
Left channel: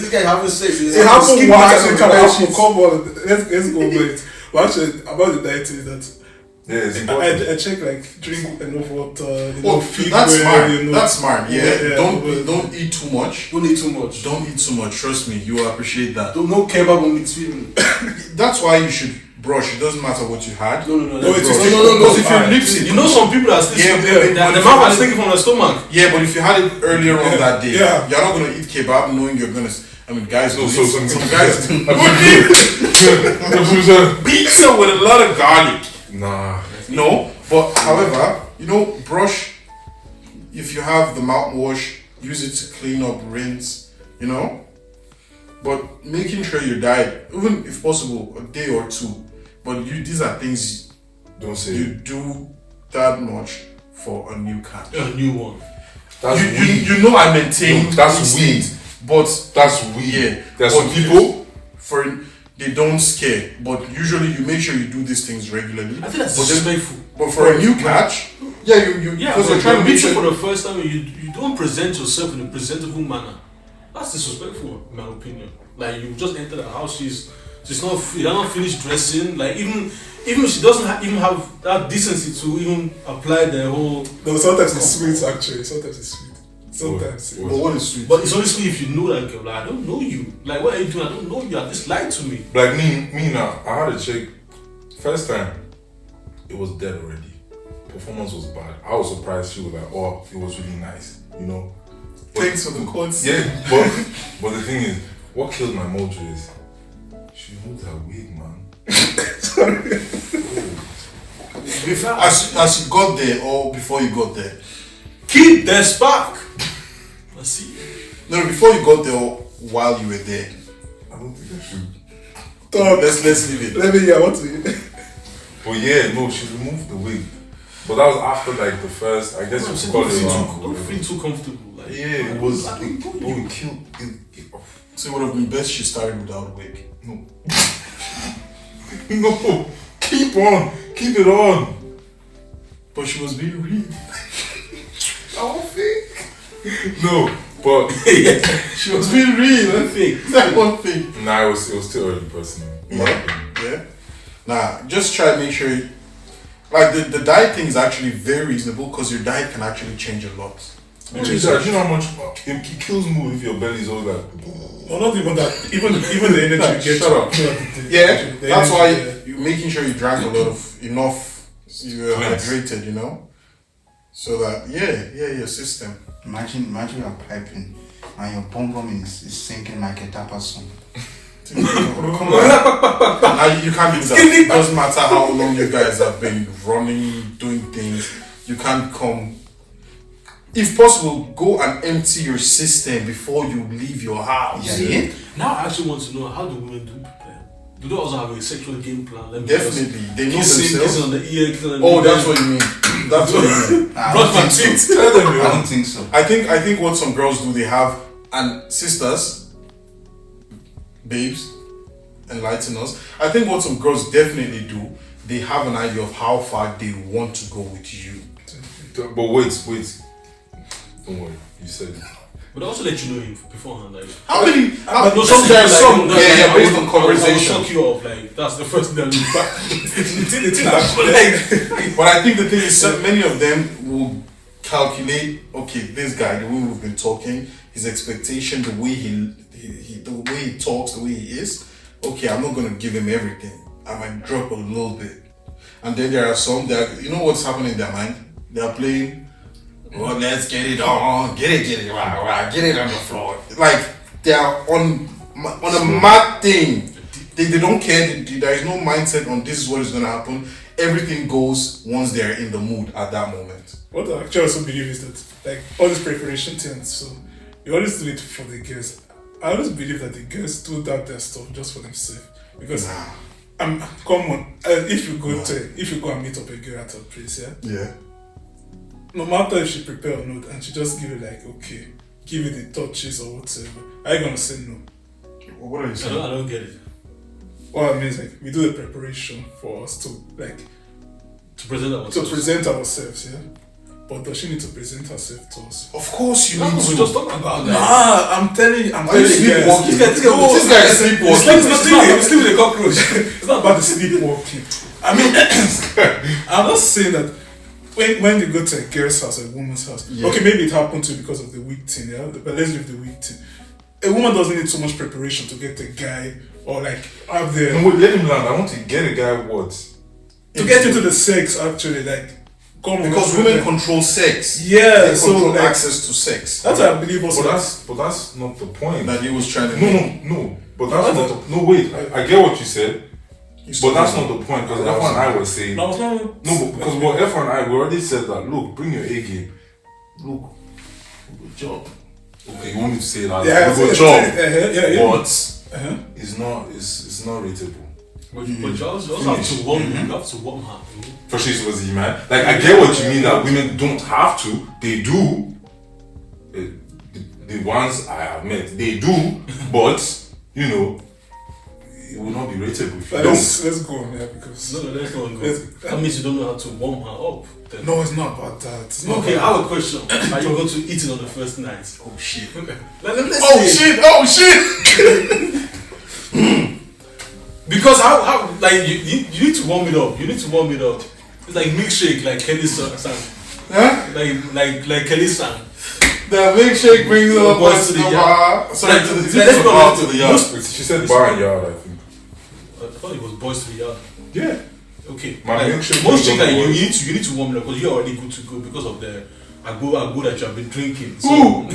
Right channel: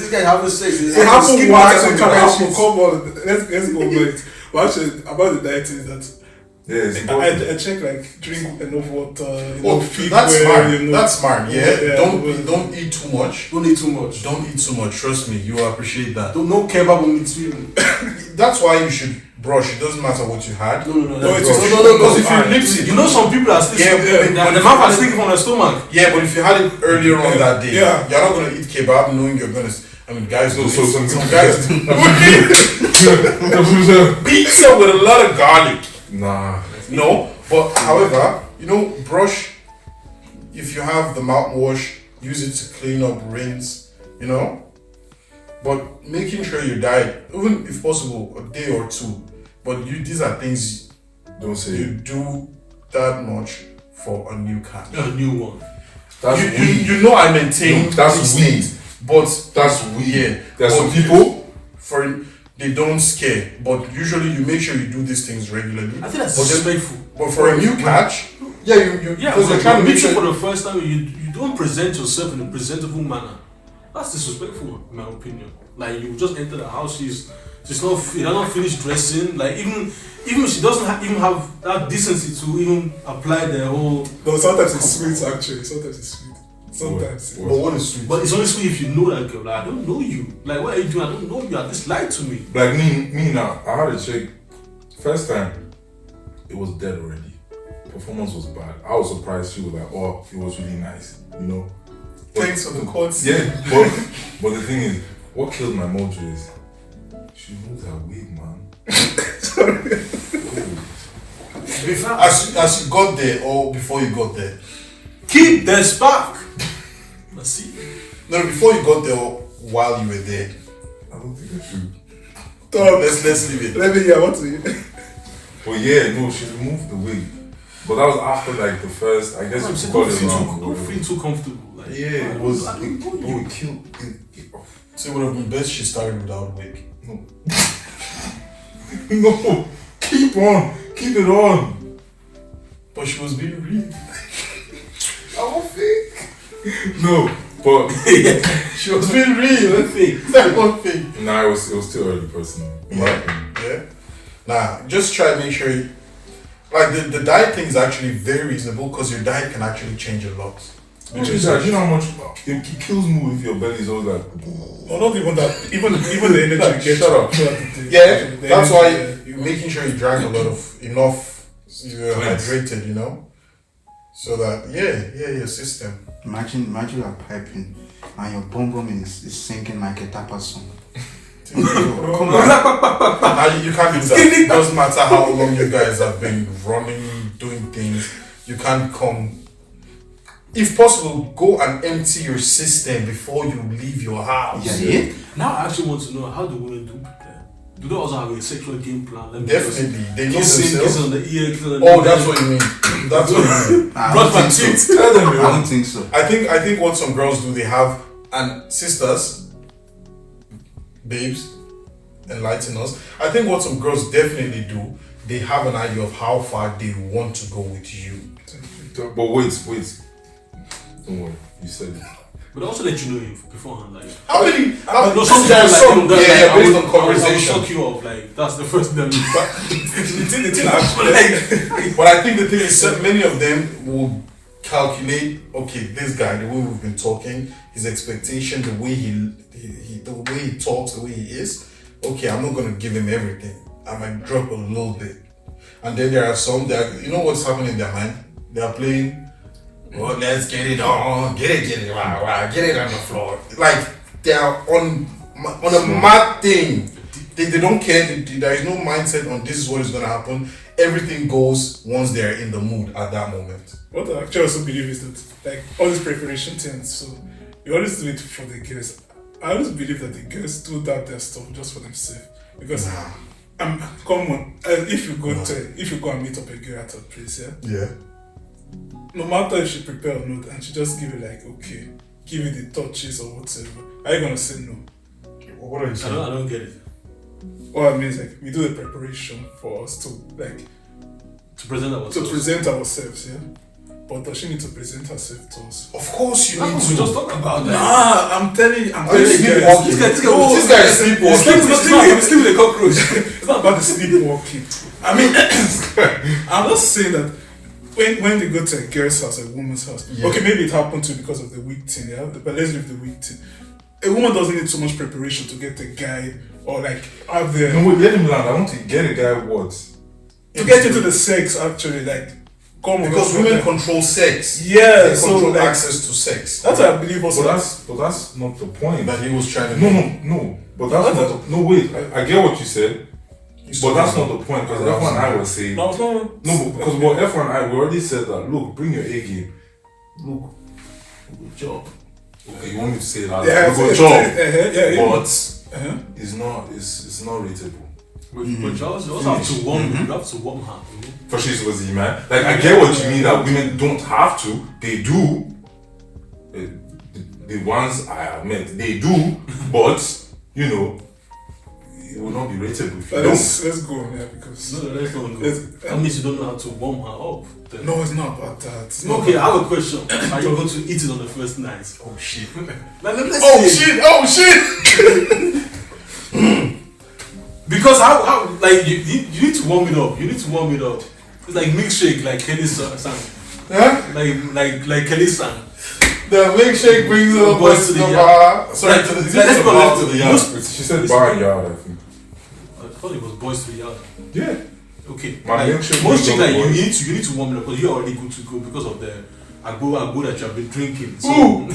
guy having sex. It happened once. It can happen. Come on, let's go over it. But actually, about the diet is that. I check like drink enough water. Feed that's well, smart. You know. That's smart. Yeah. Don't eat too much. Don't eat too much. Don't eat too much. Trust me, you will appreciate that. No kebab on me. That's why you should brush. It doesn't matter what you had. No. Because if you lips it, you know some people are still the mouth is sticking from the stomach. Yeah, but if you had it earlier on that day, you're not gonna eat kebab knowing you're gonna. I mean, guys. So some guys. Pizza with a lot of garlic. Nah. No, but however, brush. If you have the mouthwash, use it to clean up, rinse. But making sure your diet, even if possible, a day or two. But these are things Don't say you it. do that much for a new cat. A new one. That's You weed. I maintain. No, that's these weed. things, but That's weed. Yeah, There's but some people. they don't scare. But usually you make sure you do these things regularly. I think that's But then- disrespectful. But for a new catch, you Yeah, because you're but trying to make meet you for sure. the first time, you don't present yourself in a presentable manner. That's disrespectful, in my opinion. Like you just enter the house, she's not finished dressing. Like even she doesn't even have that decency to even apply the whole. No, sometimes it's sweet actually. Sometimes it's sweet. Sometimes. But what is sweet? But it's only sweet if you know that girl. Like, I don't know you. Like what are you doing? I don't know you. At least lie to me. Like me now, I had a chick. First time, it was dead already. Performance was bad. I was surprised. She was like, "Oh, it was really nice," Thanks for the quotes. Yeah, but the thing is, what killed my mojo is she moved her wig, man. As you got there or before you got there? Keep the spark. Let's see. No, before you got there or while you were there. I don't think I should. Tom, Let's leave it. let me hear what you. But yeah, no, she removed the wig. But that was after like the first. I guess you got it around. Don't feel too comfortable. Like, Yeah, it was. I don't know No, you. it killed. So it would have been best she started without wig. No. No, keep it on. But she was being real. I don't think. No, but She was being real. That one thing. nah, it was still early, personally. Yeah. Nah, just try to make sure. Like the diet thing is actually very reasonable because your diet can actually change a lot. Do you know how much it kills me if your belly is always like. Well, not even that. Even the energy you get. Shut up. Yeah, The that's energy, why you're making sure you drink enough. You're Yes. hydrated, so that your system. Imagine you're piping and your bum bum is singing like a tapa song. Come on. Now you can't do that. It doesn't matter how long you guys have been running, doing things. You can't come. If possible, go and empty your system before you leave your house. Yeah. Now I actually want to know, how do women do prepare? Do they also have a sexual game plan? Let me Definitely, they know Kissing themselves. on the ear, kissing on the Oh, that's what you mean. That's what you mean. I Brush my don't think teeth. so. Tell them, I man. don't think so. I think what some girls do, they have, and sisters, babes, enlighten us. I think what some girls definitely do, they have an idea of how far they want to go with you. But wait. Don't worry, you said it. But also let you know you beforehand, like. How many? But Some, some there are guys, some, like, yeah, based on I will conversation. shock you up, like, that's the first thing that The thing actually. But I think the thing is, many of them will calculate. Okay, this guy, the way we've been talking, his expectation, the way the way he talks, the way he is. Okay, I'm not gonna give him everything. I might drop a little bit. And then there are some that, you know what's happening in their mind? They are playing. Oh, let's get it on, get it, wow, get it on the floor. Like they are on a mad thing. They don't care. There is no mindset on this is what is gonna happen. Everything goes once they are in the mood at that moment. What I actually also believe is that, like, all these preparation things, so you always do it for the girls. I always believe that the girls do that their stuff just for themselves. Because, come on, if you go and meet up a girl at a place, Yeah. no matter if she prepare or not, and she just give you like, okay, give you the touches or whatever, are you gonna say no? What are you I saying? don't get it. What I mean is, like, we do the preparation for us to, like, To present ourselves, yeah? But does she need to present herself to us? Of course you That's need what we to. just talked about, like. Nah, I'm telling you, Are you sleepwalking? This guy No, this guy is sleepwalking. It's not with a cockroach. It's not about the sleepwalking. I mean, I'm not saying that when they go to a girl's house, a woman's house, Yeah. okay, maybe it happened to because of the weak thing, yeah? But let's leave the weak thing. A woman doesn't need so much preparation to get a guy or like have the No, wait, let him land. I want to get a guy what? to get into the sex actually, like come on, Because women control sex. yeah, They so control like access to sex. that's what I believe also. But that's not the point. That he was trying to No. But that's not. No, wait. I get what you said. But that's not the point, because F1 and I was saying. No, it's not. No, because what F1 and I, we already said that. Look, bring your A game. Look, good job. Okay, you want me to say that? Yeah, good job. Yeah. But it's not rateable. But you also have to warm. You have to warm her. For she's was he man. Like I get what you mean that women don't have to. They do. The ones I have met, they do. But you know, it will not be rateable if you don't. Let's go on there because Let's go. That means you don't know how to warm her up. Then. no, it's not about that. It's not Okay, I about have a question. Are you going to eat it on the first night? Oh shit. Let's see. Because how like you need to warm it up. You need to warm it up. It's like milkshake, like Kelly's sang. Huh? Like Kelly's sang. The milkshake brings all Boys to the bar. Sorry, Like, to the let's go bar back to the yard. She said bar and yard, I think. I thought it was boys to the yard. Yeah. Okay. My Like, milkshake most is things on like the you boys. need to warm it up because you're already good to go because of the agbo that you have been drinking. So,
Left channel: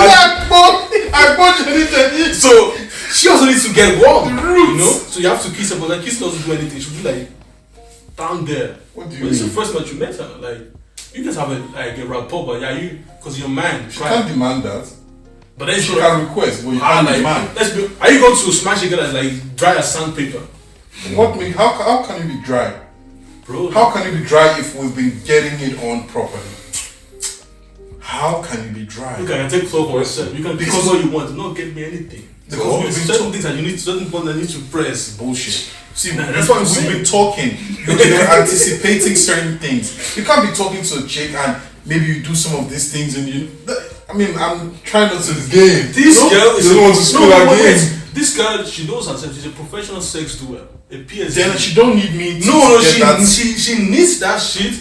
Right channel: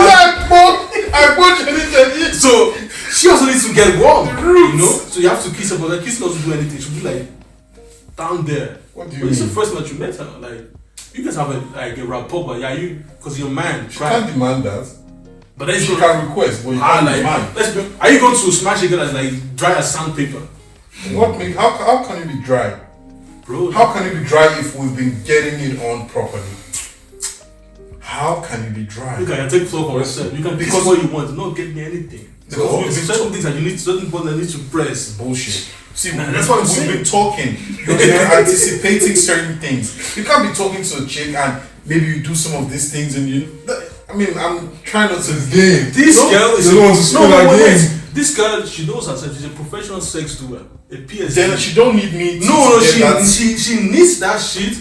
I bought you. so she also needs to get warm. You know? So you have to kiss her, but the kiss doesn't do anything. She'll be like down there. What do you But it's the mean? first time that you met her. Like you guys have a rapport, but yeah, you because you're man, You right? can't demand that. But then You can request, but you Ah, can't like, demand. are you going to smash a girl that's like dry as sandpaper? How can you be dry? Bro, How can you be dry if we've been getting it on properly? How can you be dry? you can take floor for yourself. You can pick Because- what you want. Don't get me anything. Because Because we've been certain things that you need, certain buttons that need to press. Bullshit. See, Nah, that's what I'm we've saying. been talking, but you're anticipating certain things. You can't be talking to a chick and maybe you do some of these things and you. I mean, I'm trying not to. Game. This No, girl is you don't want to spill her game. This girl, she knows herself. She's a professional sex doer, a PhD. Then she don't need me. no, to get that. she needs that shit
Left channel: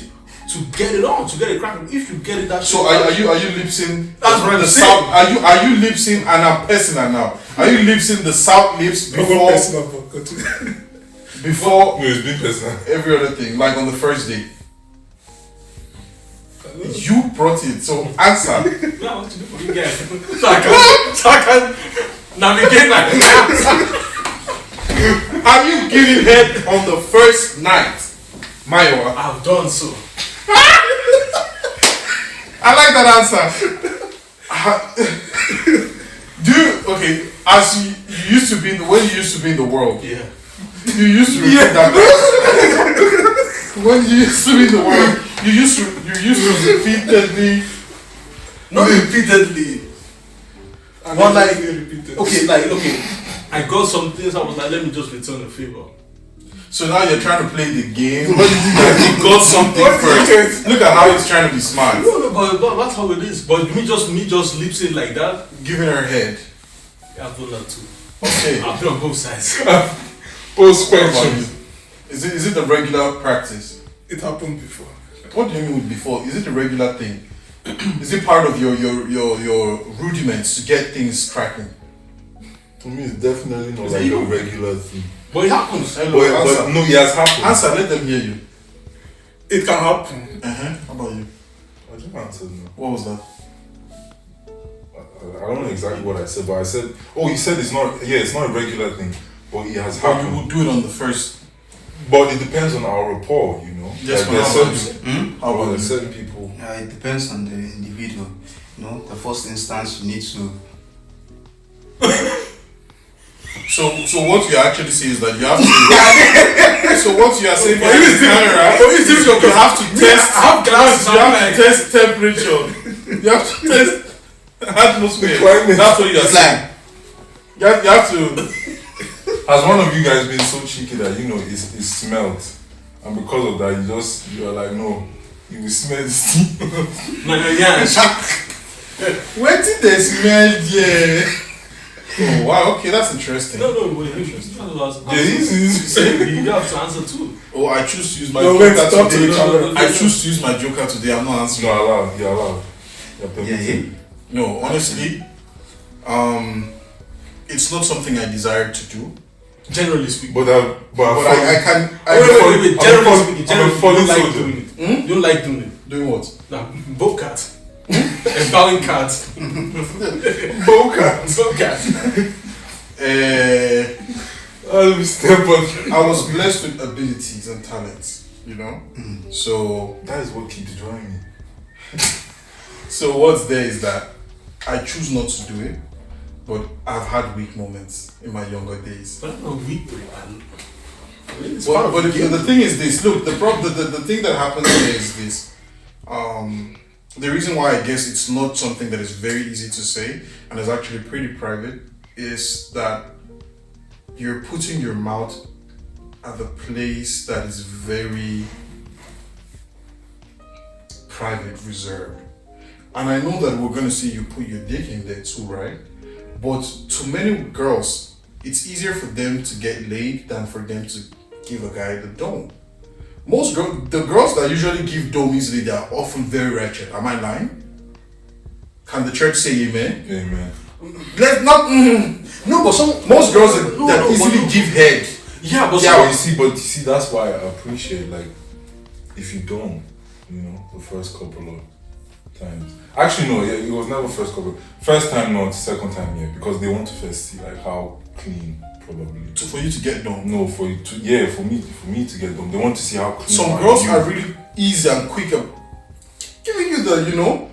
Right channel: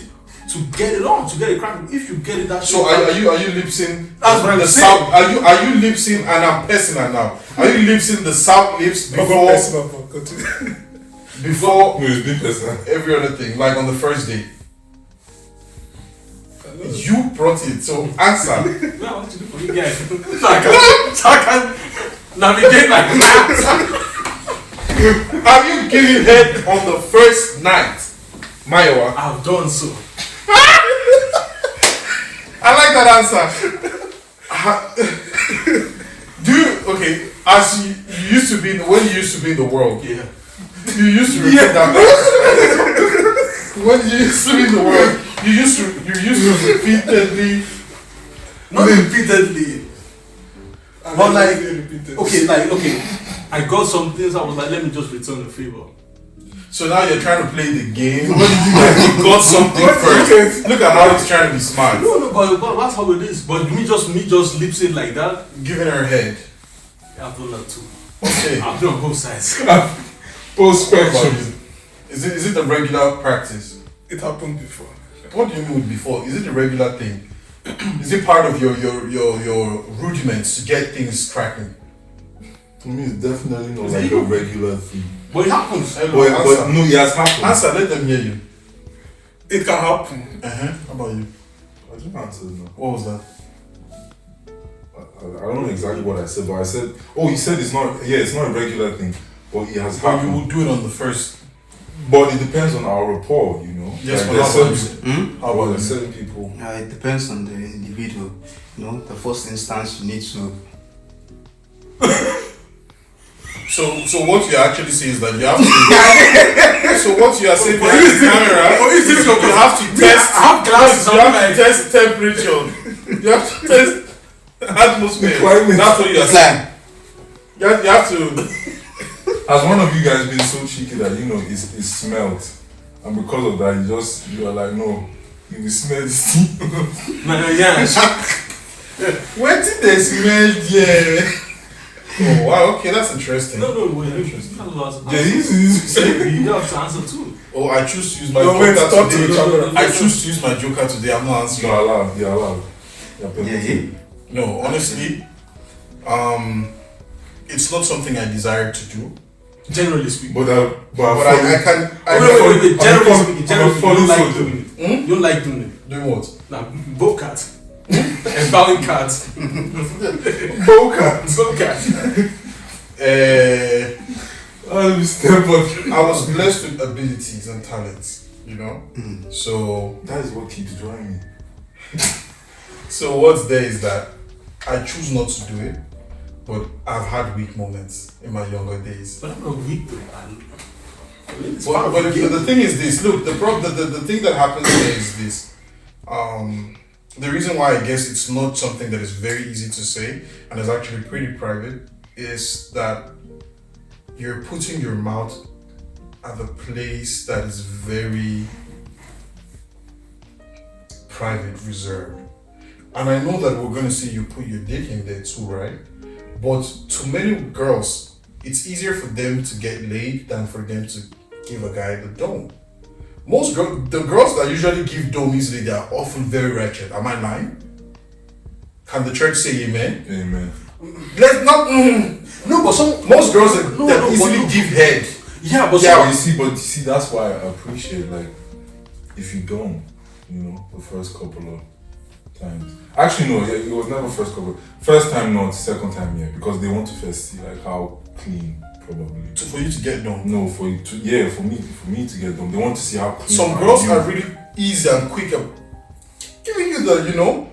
to get it on, to get it cracking. If you get it that shit, So are you lip sync? That's what I'm the saying. south. Are you lip sync? And I'm personal now. Are you lip sync the south lips before No, it's been personal. every other thing, like on the first day? You brought it, so answer. now what to do for you guys? so I can navigate like that. Have you given head on the first night, Mayowa? I've done so. I like that answer. Okay, as you used to be when you used to be in the world, Yeah. you used to repeat that answer. When you used to be in the world, you used to repeatedly. Not repeatedly. But like, okay, I got some things. I was like, let me just return the favor. So now you're trying to play the game. Like you got something first. Look at how he's trying to be smart. No, but that's how it is. But me just lip sync like that. Giving her head. I've done that too. Okay. I've done on both sides. Post spectrum. Is it the regular practice? It happened before. What do you mean with before? Is it the regular thing? Is it part of your rudiments to get things cracking? To me, it's definitely not Is like it a you? regular thing. But it happens. Hello, But answer. no, it has happened. Answer, let them hear you. It can happen. How about you? I just answered no. What was that? I don't know exactly what I said, but I said, oh, he said it's not. Yeah, it's not a regular thing, but it has But you happened. will do it on the first. But it depends on our rapport, you know. Yes, like but there's how about certain, you? How about you? certain people. It depends on the individual. You know, the first instance you need to. So what you actually say is that you have to. So what you are saying behind the camera is you have to test. I have glasses. You have to test temperature. You have to test atmosphere. Climate. That's what you are It's saying. like, You have to. Has one of you guys been so cheeky that you know it smelt, and because of that you are like no, you will smell this thing. No, yeah. When did they smell? Yeah. Oh wow. Okay, that's interesting. No, wait, interesting. Yeah, this is You have to answer too. Oh, I choose to use my No, wait, joker talk to today. each other. I choose to use my joker today. I'm not answering. You're allowed. You're allowed. You're yeah, permitted. No, honestly, it's not something I desire to do. Generally speaking. But But I can. Wait, generally speaking, you don't falling like soldier. doing it. You don't like doing it. Doing what? Now, both cats. A bowing cat. Boca. Both cats. I was blessed with abilities and talents, you know. So That is what keeps drawing me. so what's there is that I choose not to do it, but I've had weak moments in my younger days. But I'm not weak though. But the thing is this. Look, the thing that happens here is this. The reason why I guess it's not something that is very easy to say and is actually pretty private is that you're putting your mouth at the place that is very private, reserved. And I know that we're going to see you put your dick in there too, right? But to many girls, it's easier for them to get laid than for them to give a guy the dome. The girls that usually give dome easily, they are often very wretched. Am I lying? Can the church say amen? Amen. Let's not. No, but most girls that easily give head. Yeah, but Yeah, you see, that's why I appreciate, like, if you don't, you know, the first couple of times. Actually, no, it was never first time, not second time, yeah, because they want to first see, like, how clean, probably. For you to get done. No, for me to get done. They want to see how clean. Some girls are really easy and quick at giving you the, you know.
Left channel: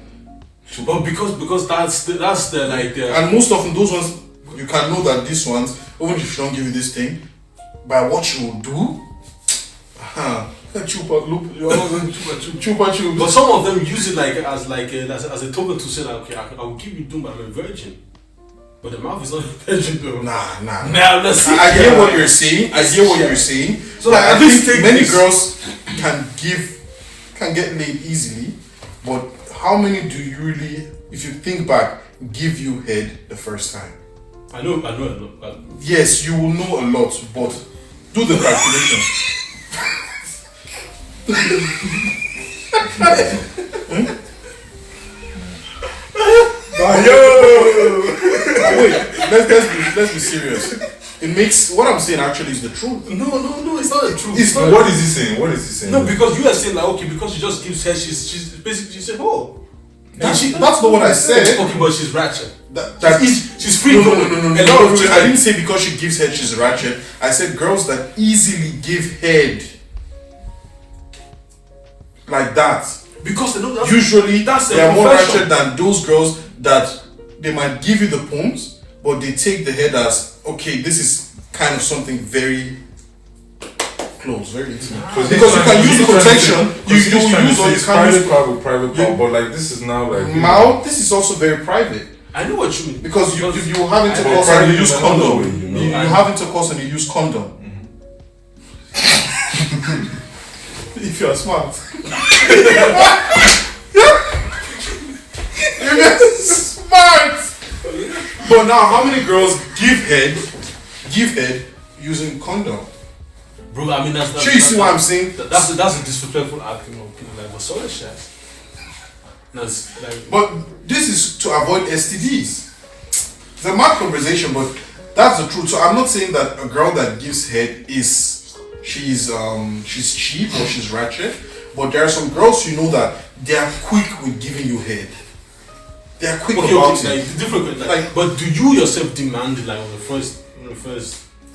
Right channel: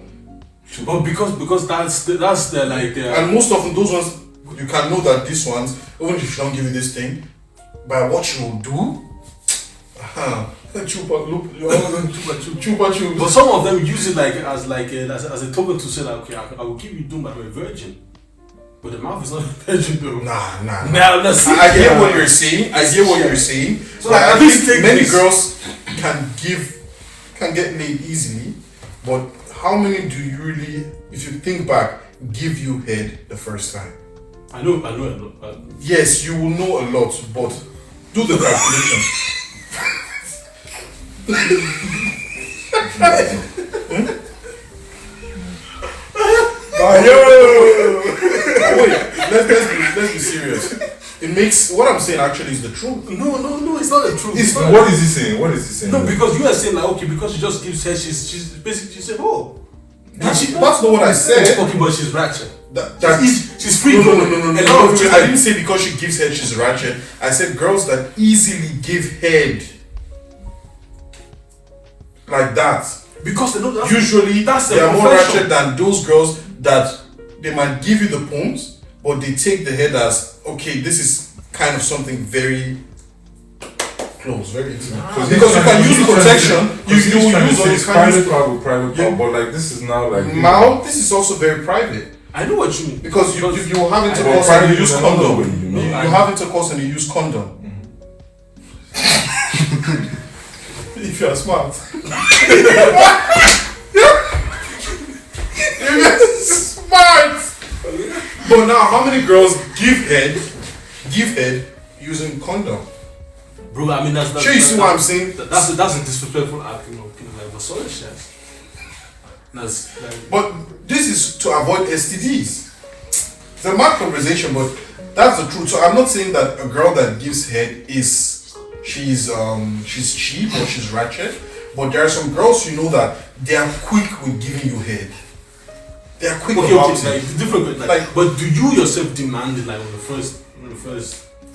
But because that's the like and most often those ones you can know that these ones, even if she don't give you this thing, by what she will do, chupa. But some of them use it like as a token to say like, okay, I will keep you doing, but I'm a virgin. But the mouth is not a virgin though. Nah. Let's see. I hear what you're saying. So like, I think many girls can get laid easily, but how many do you really, if you think back, give you head the first time? I know a lot. Yes, you will know a lot, but do the calculation. Wait, let's be serious. It makes what I'm saying actually is the truth. No, it's not the truth. What is he saying? No, because you are saying like, okay, because she just gives head, she's basically she's a whore. That's not what I said. Okay, but she's ratchet. She's free. No. I didn't say because she gives head she's ratchet. I said girls that easily give head like that. Because usually they are more profession. ratchet than those girls that they might give you the poems, but they take the head as okay. This is kind of something very close, very intimate. Because you can use protection, you use or you can use private, but like this is now like mouth. This is also very private. I know what you mean because you have intercourse and you use condom. You have intercourse and you use condom. If you are smart. You're smart. But now, how many girls give head using condom? Bro, I mean that's sure, you see what I'm saying? That's a disrespectful argument. Like, what's all that shit? That's like. But this is to avoid STDs. It's a mad conversation, but that's the truth. So I'm not saying that a girl that gives head she's cheap or she's ratchet, but there are some girls you know that they are quick with giving you head. They are quick about it. Like, different, like, but do you yourself demand it like on the first?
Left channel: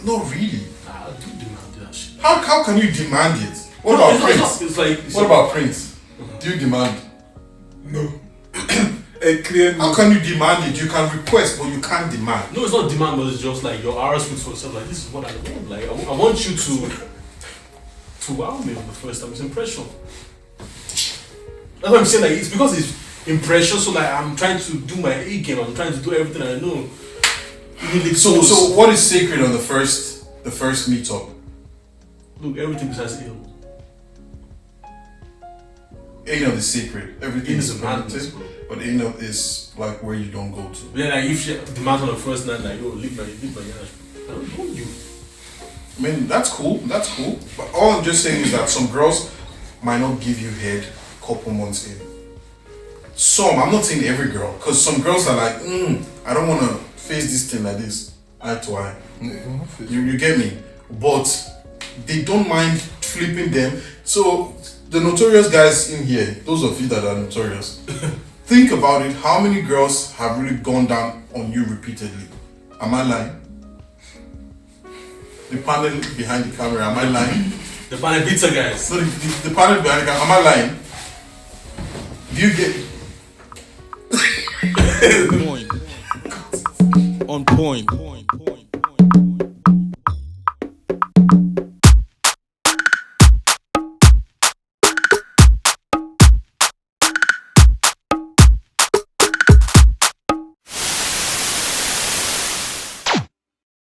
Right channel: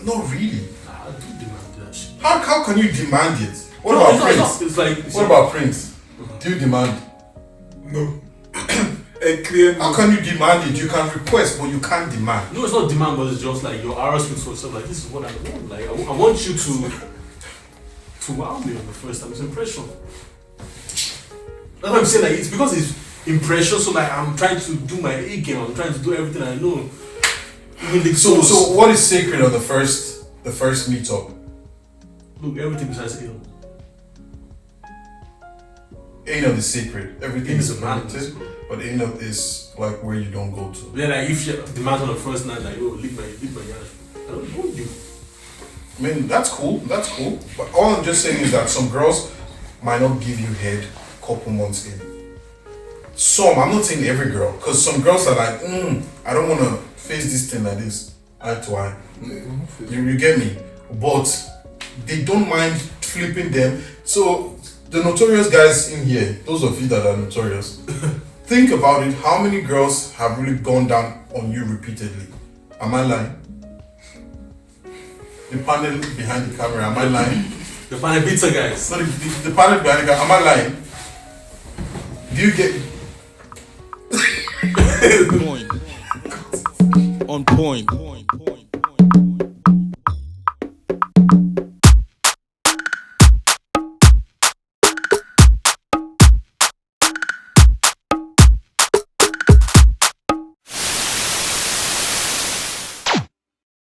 Not really. I do demand that shit. How can you demand it? What about Prince? What about Prince? Do you demand? No. A clear no. How can you demand it? You can request, but you can't demand. No, it's not demand, but it's just like your RS speaks for yourself. Like, this is what I want. Like, I want you to wow me on the first time. It's impression. That's what I'm saying. Like, it's because it's impression. So like, I'm trying to do my A game. I'm trying to do everything I know. So what is sacred on the first meetup? Look, everything besides anal. Anal is sacred. Everything Anal is is a madness, but anal is like where you don't go to. Yeah, like if she demands on the first night, like, oh, leave my ass. I don't want you. I mean, that's cool. But all I'm just saying is that some girls might not give you head a couple months in. I'm not saying every girl, because some girls are like, I don't want to face this thing like this, eye to eye. You get me? But they don't mind flipping them. So the notorious guys in here, those of you that are notorious, think about it. How many girls have really gone down on you repeatedly? Am I lying? the panel behind the camera. Am I lying? The panel pizza guys. So the panel behind the camera. Am I lying? Do you get? Point. On point.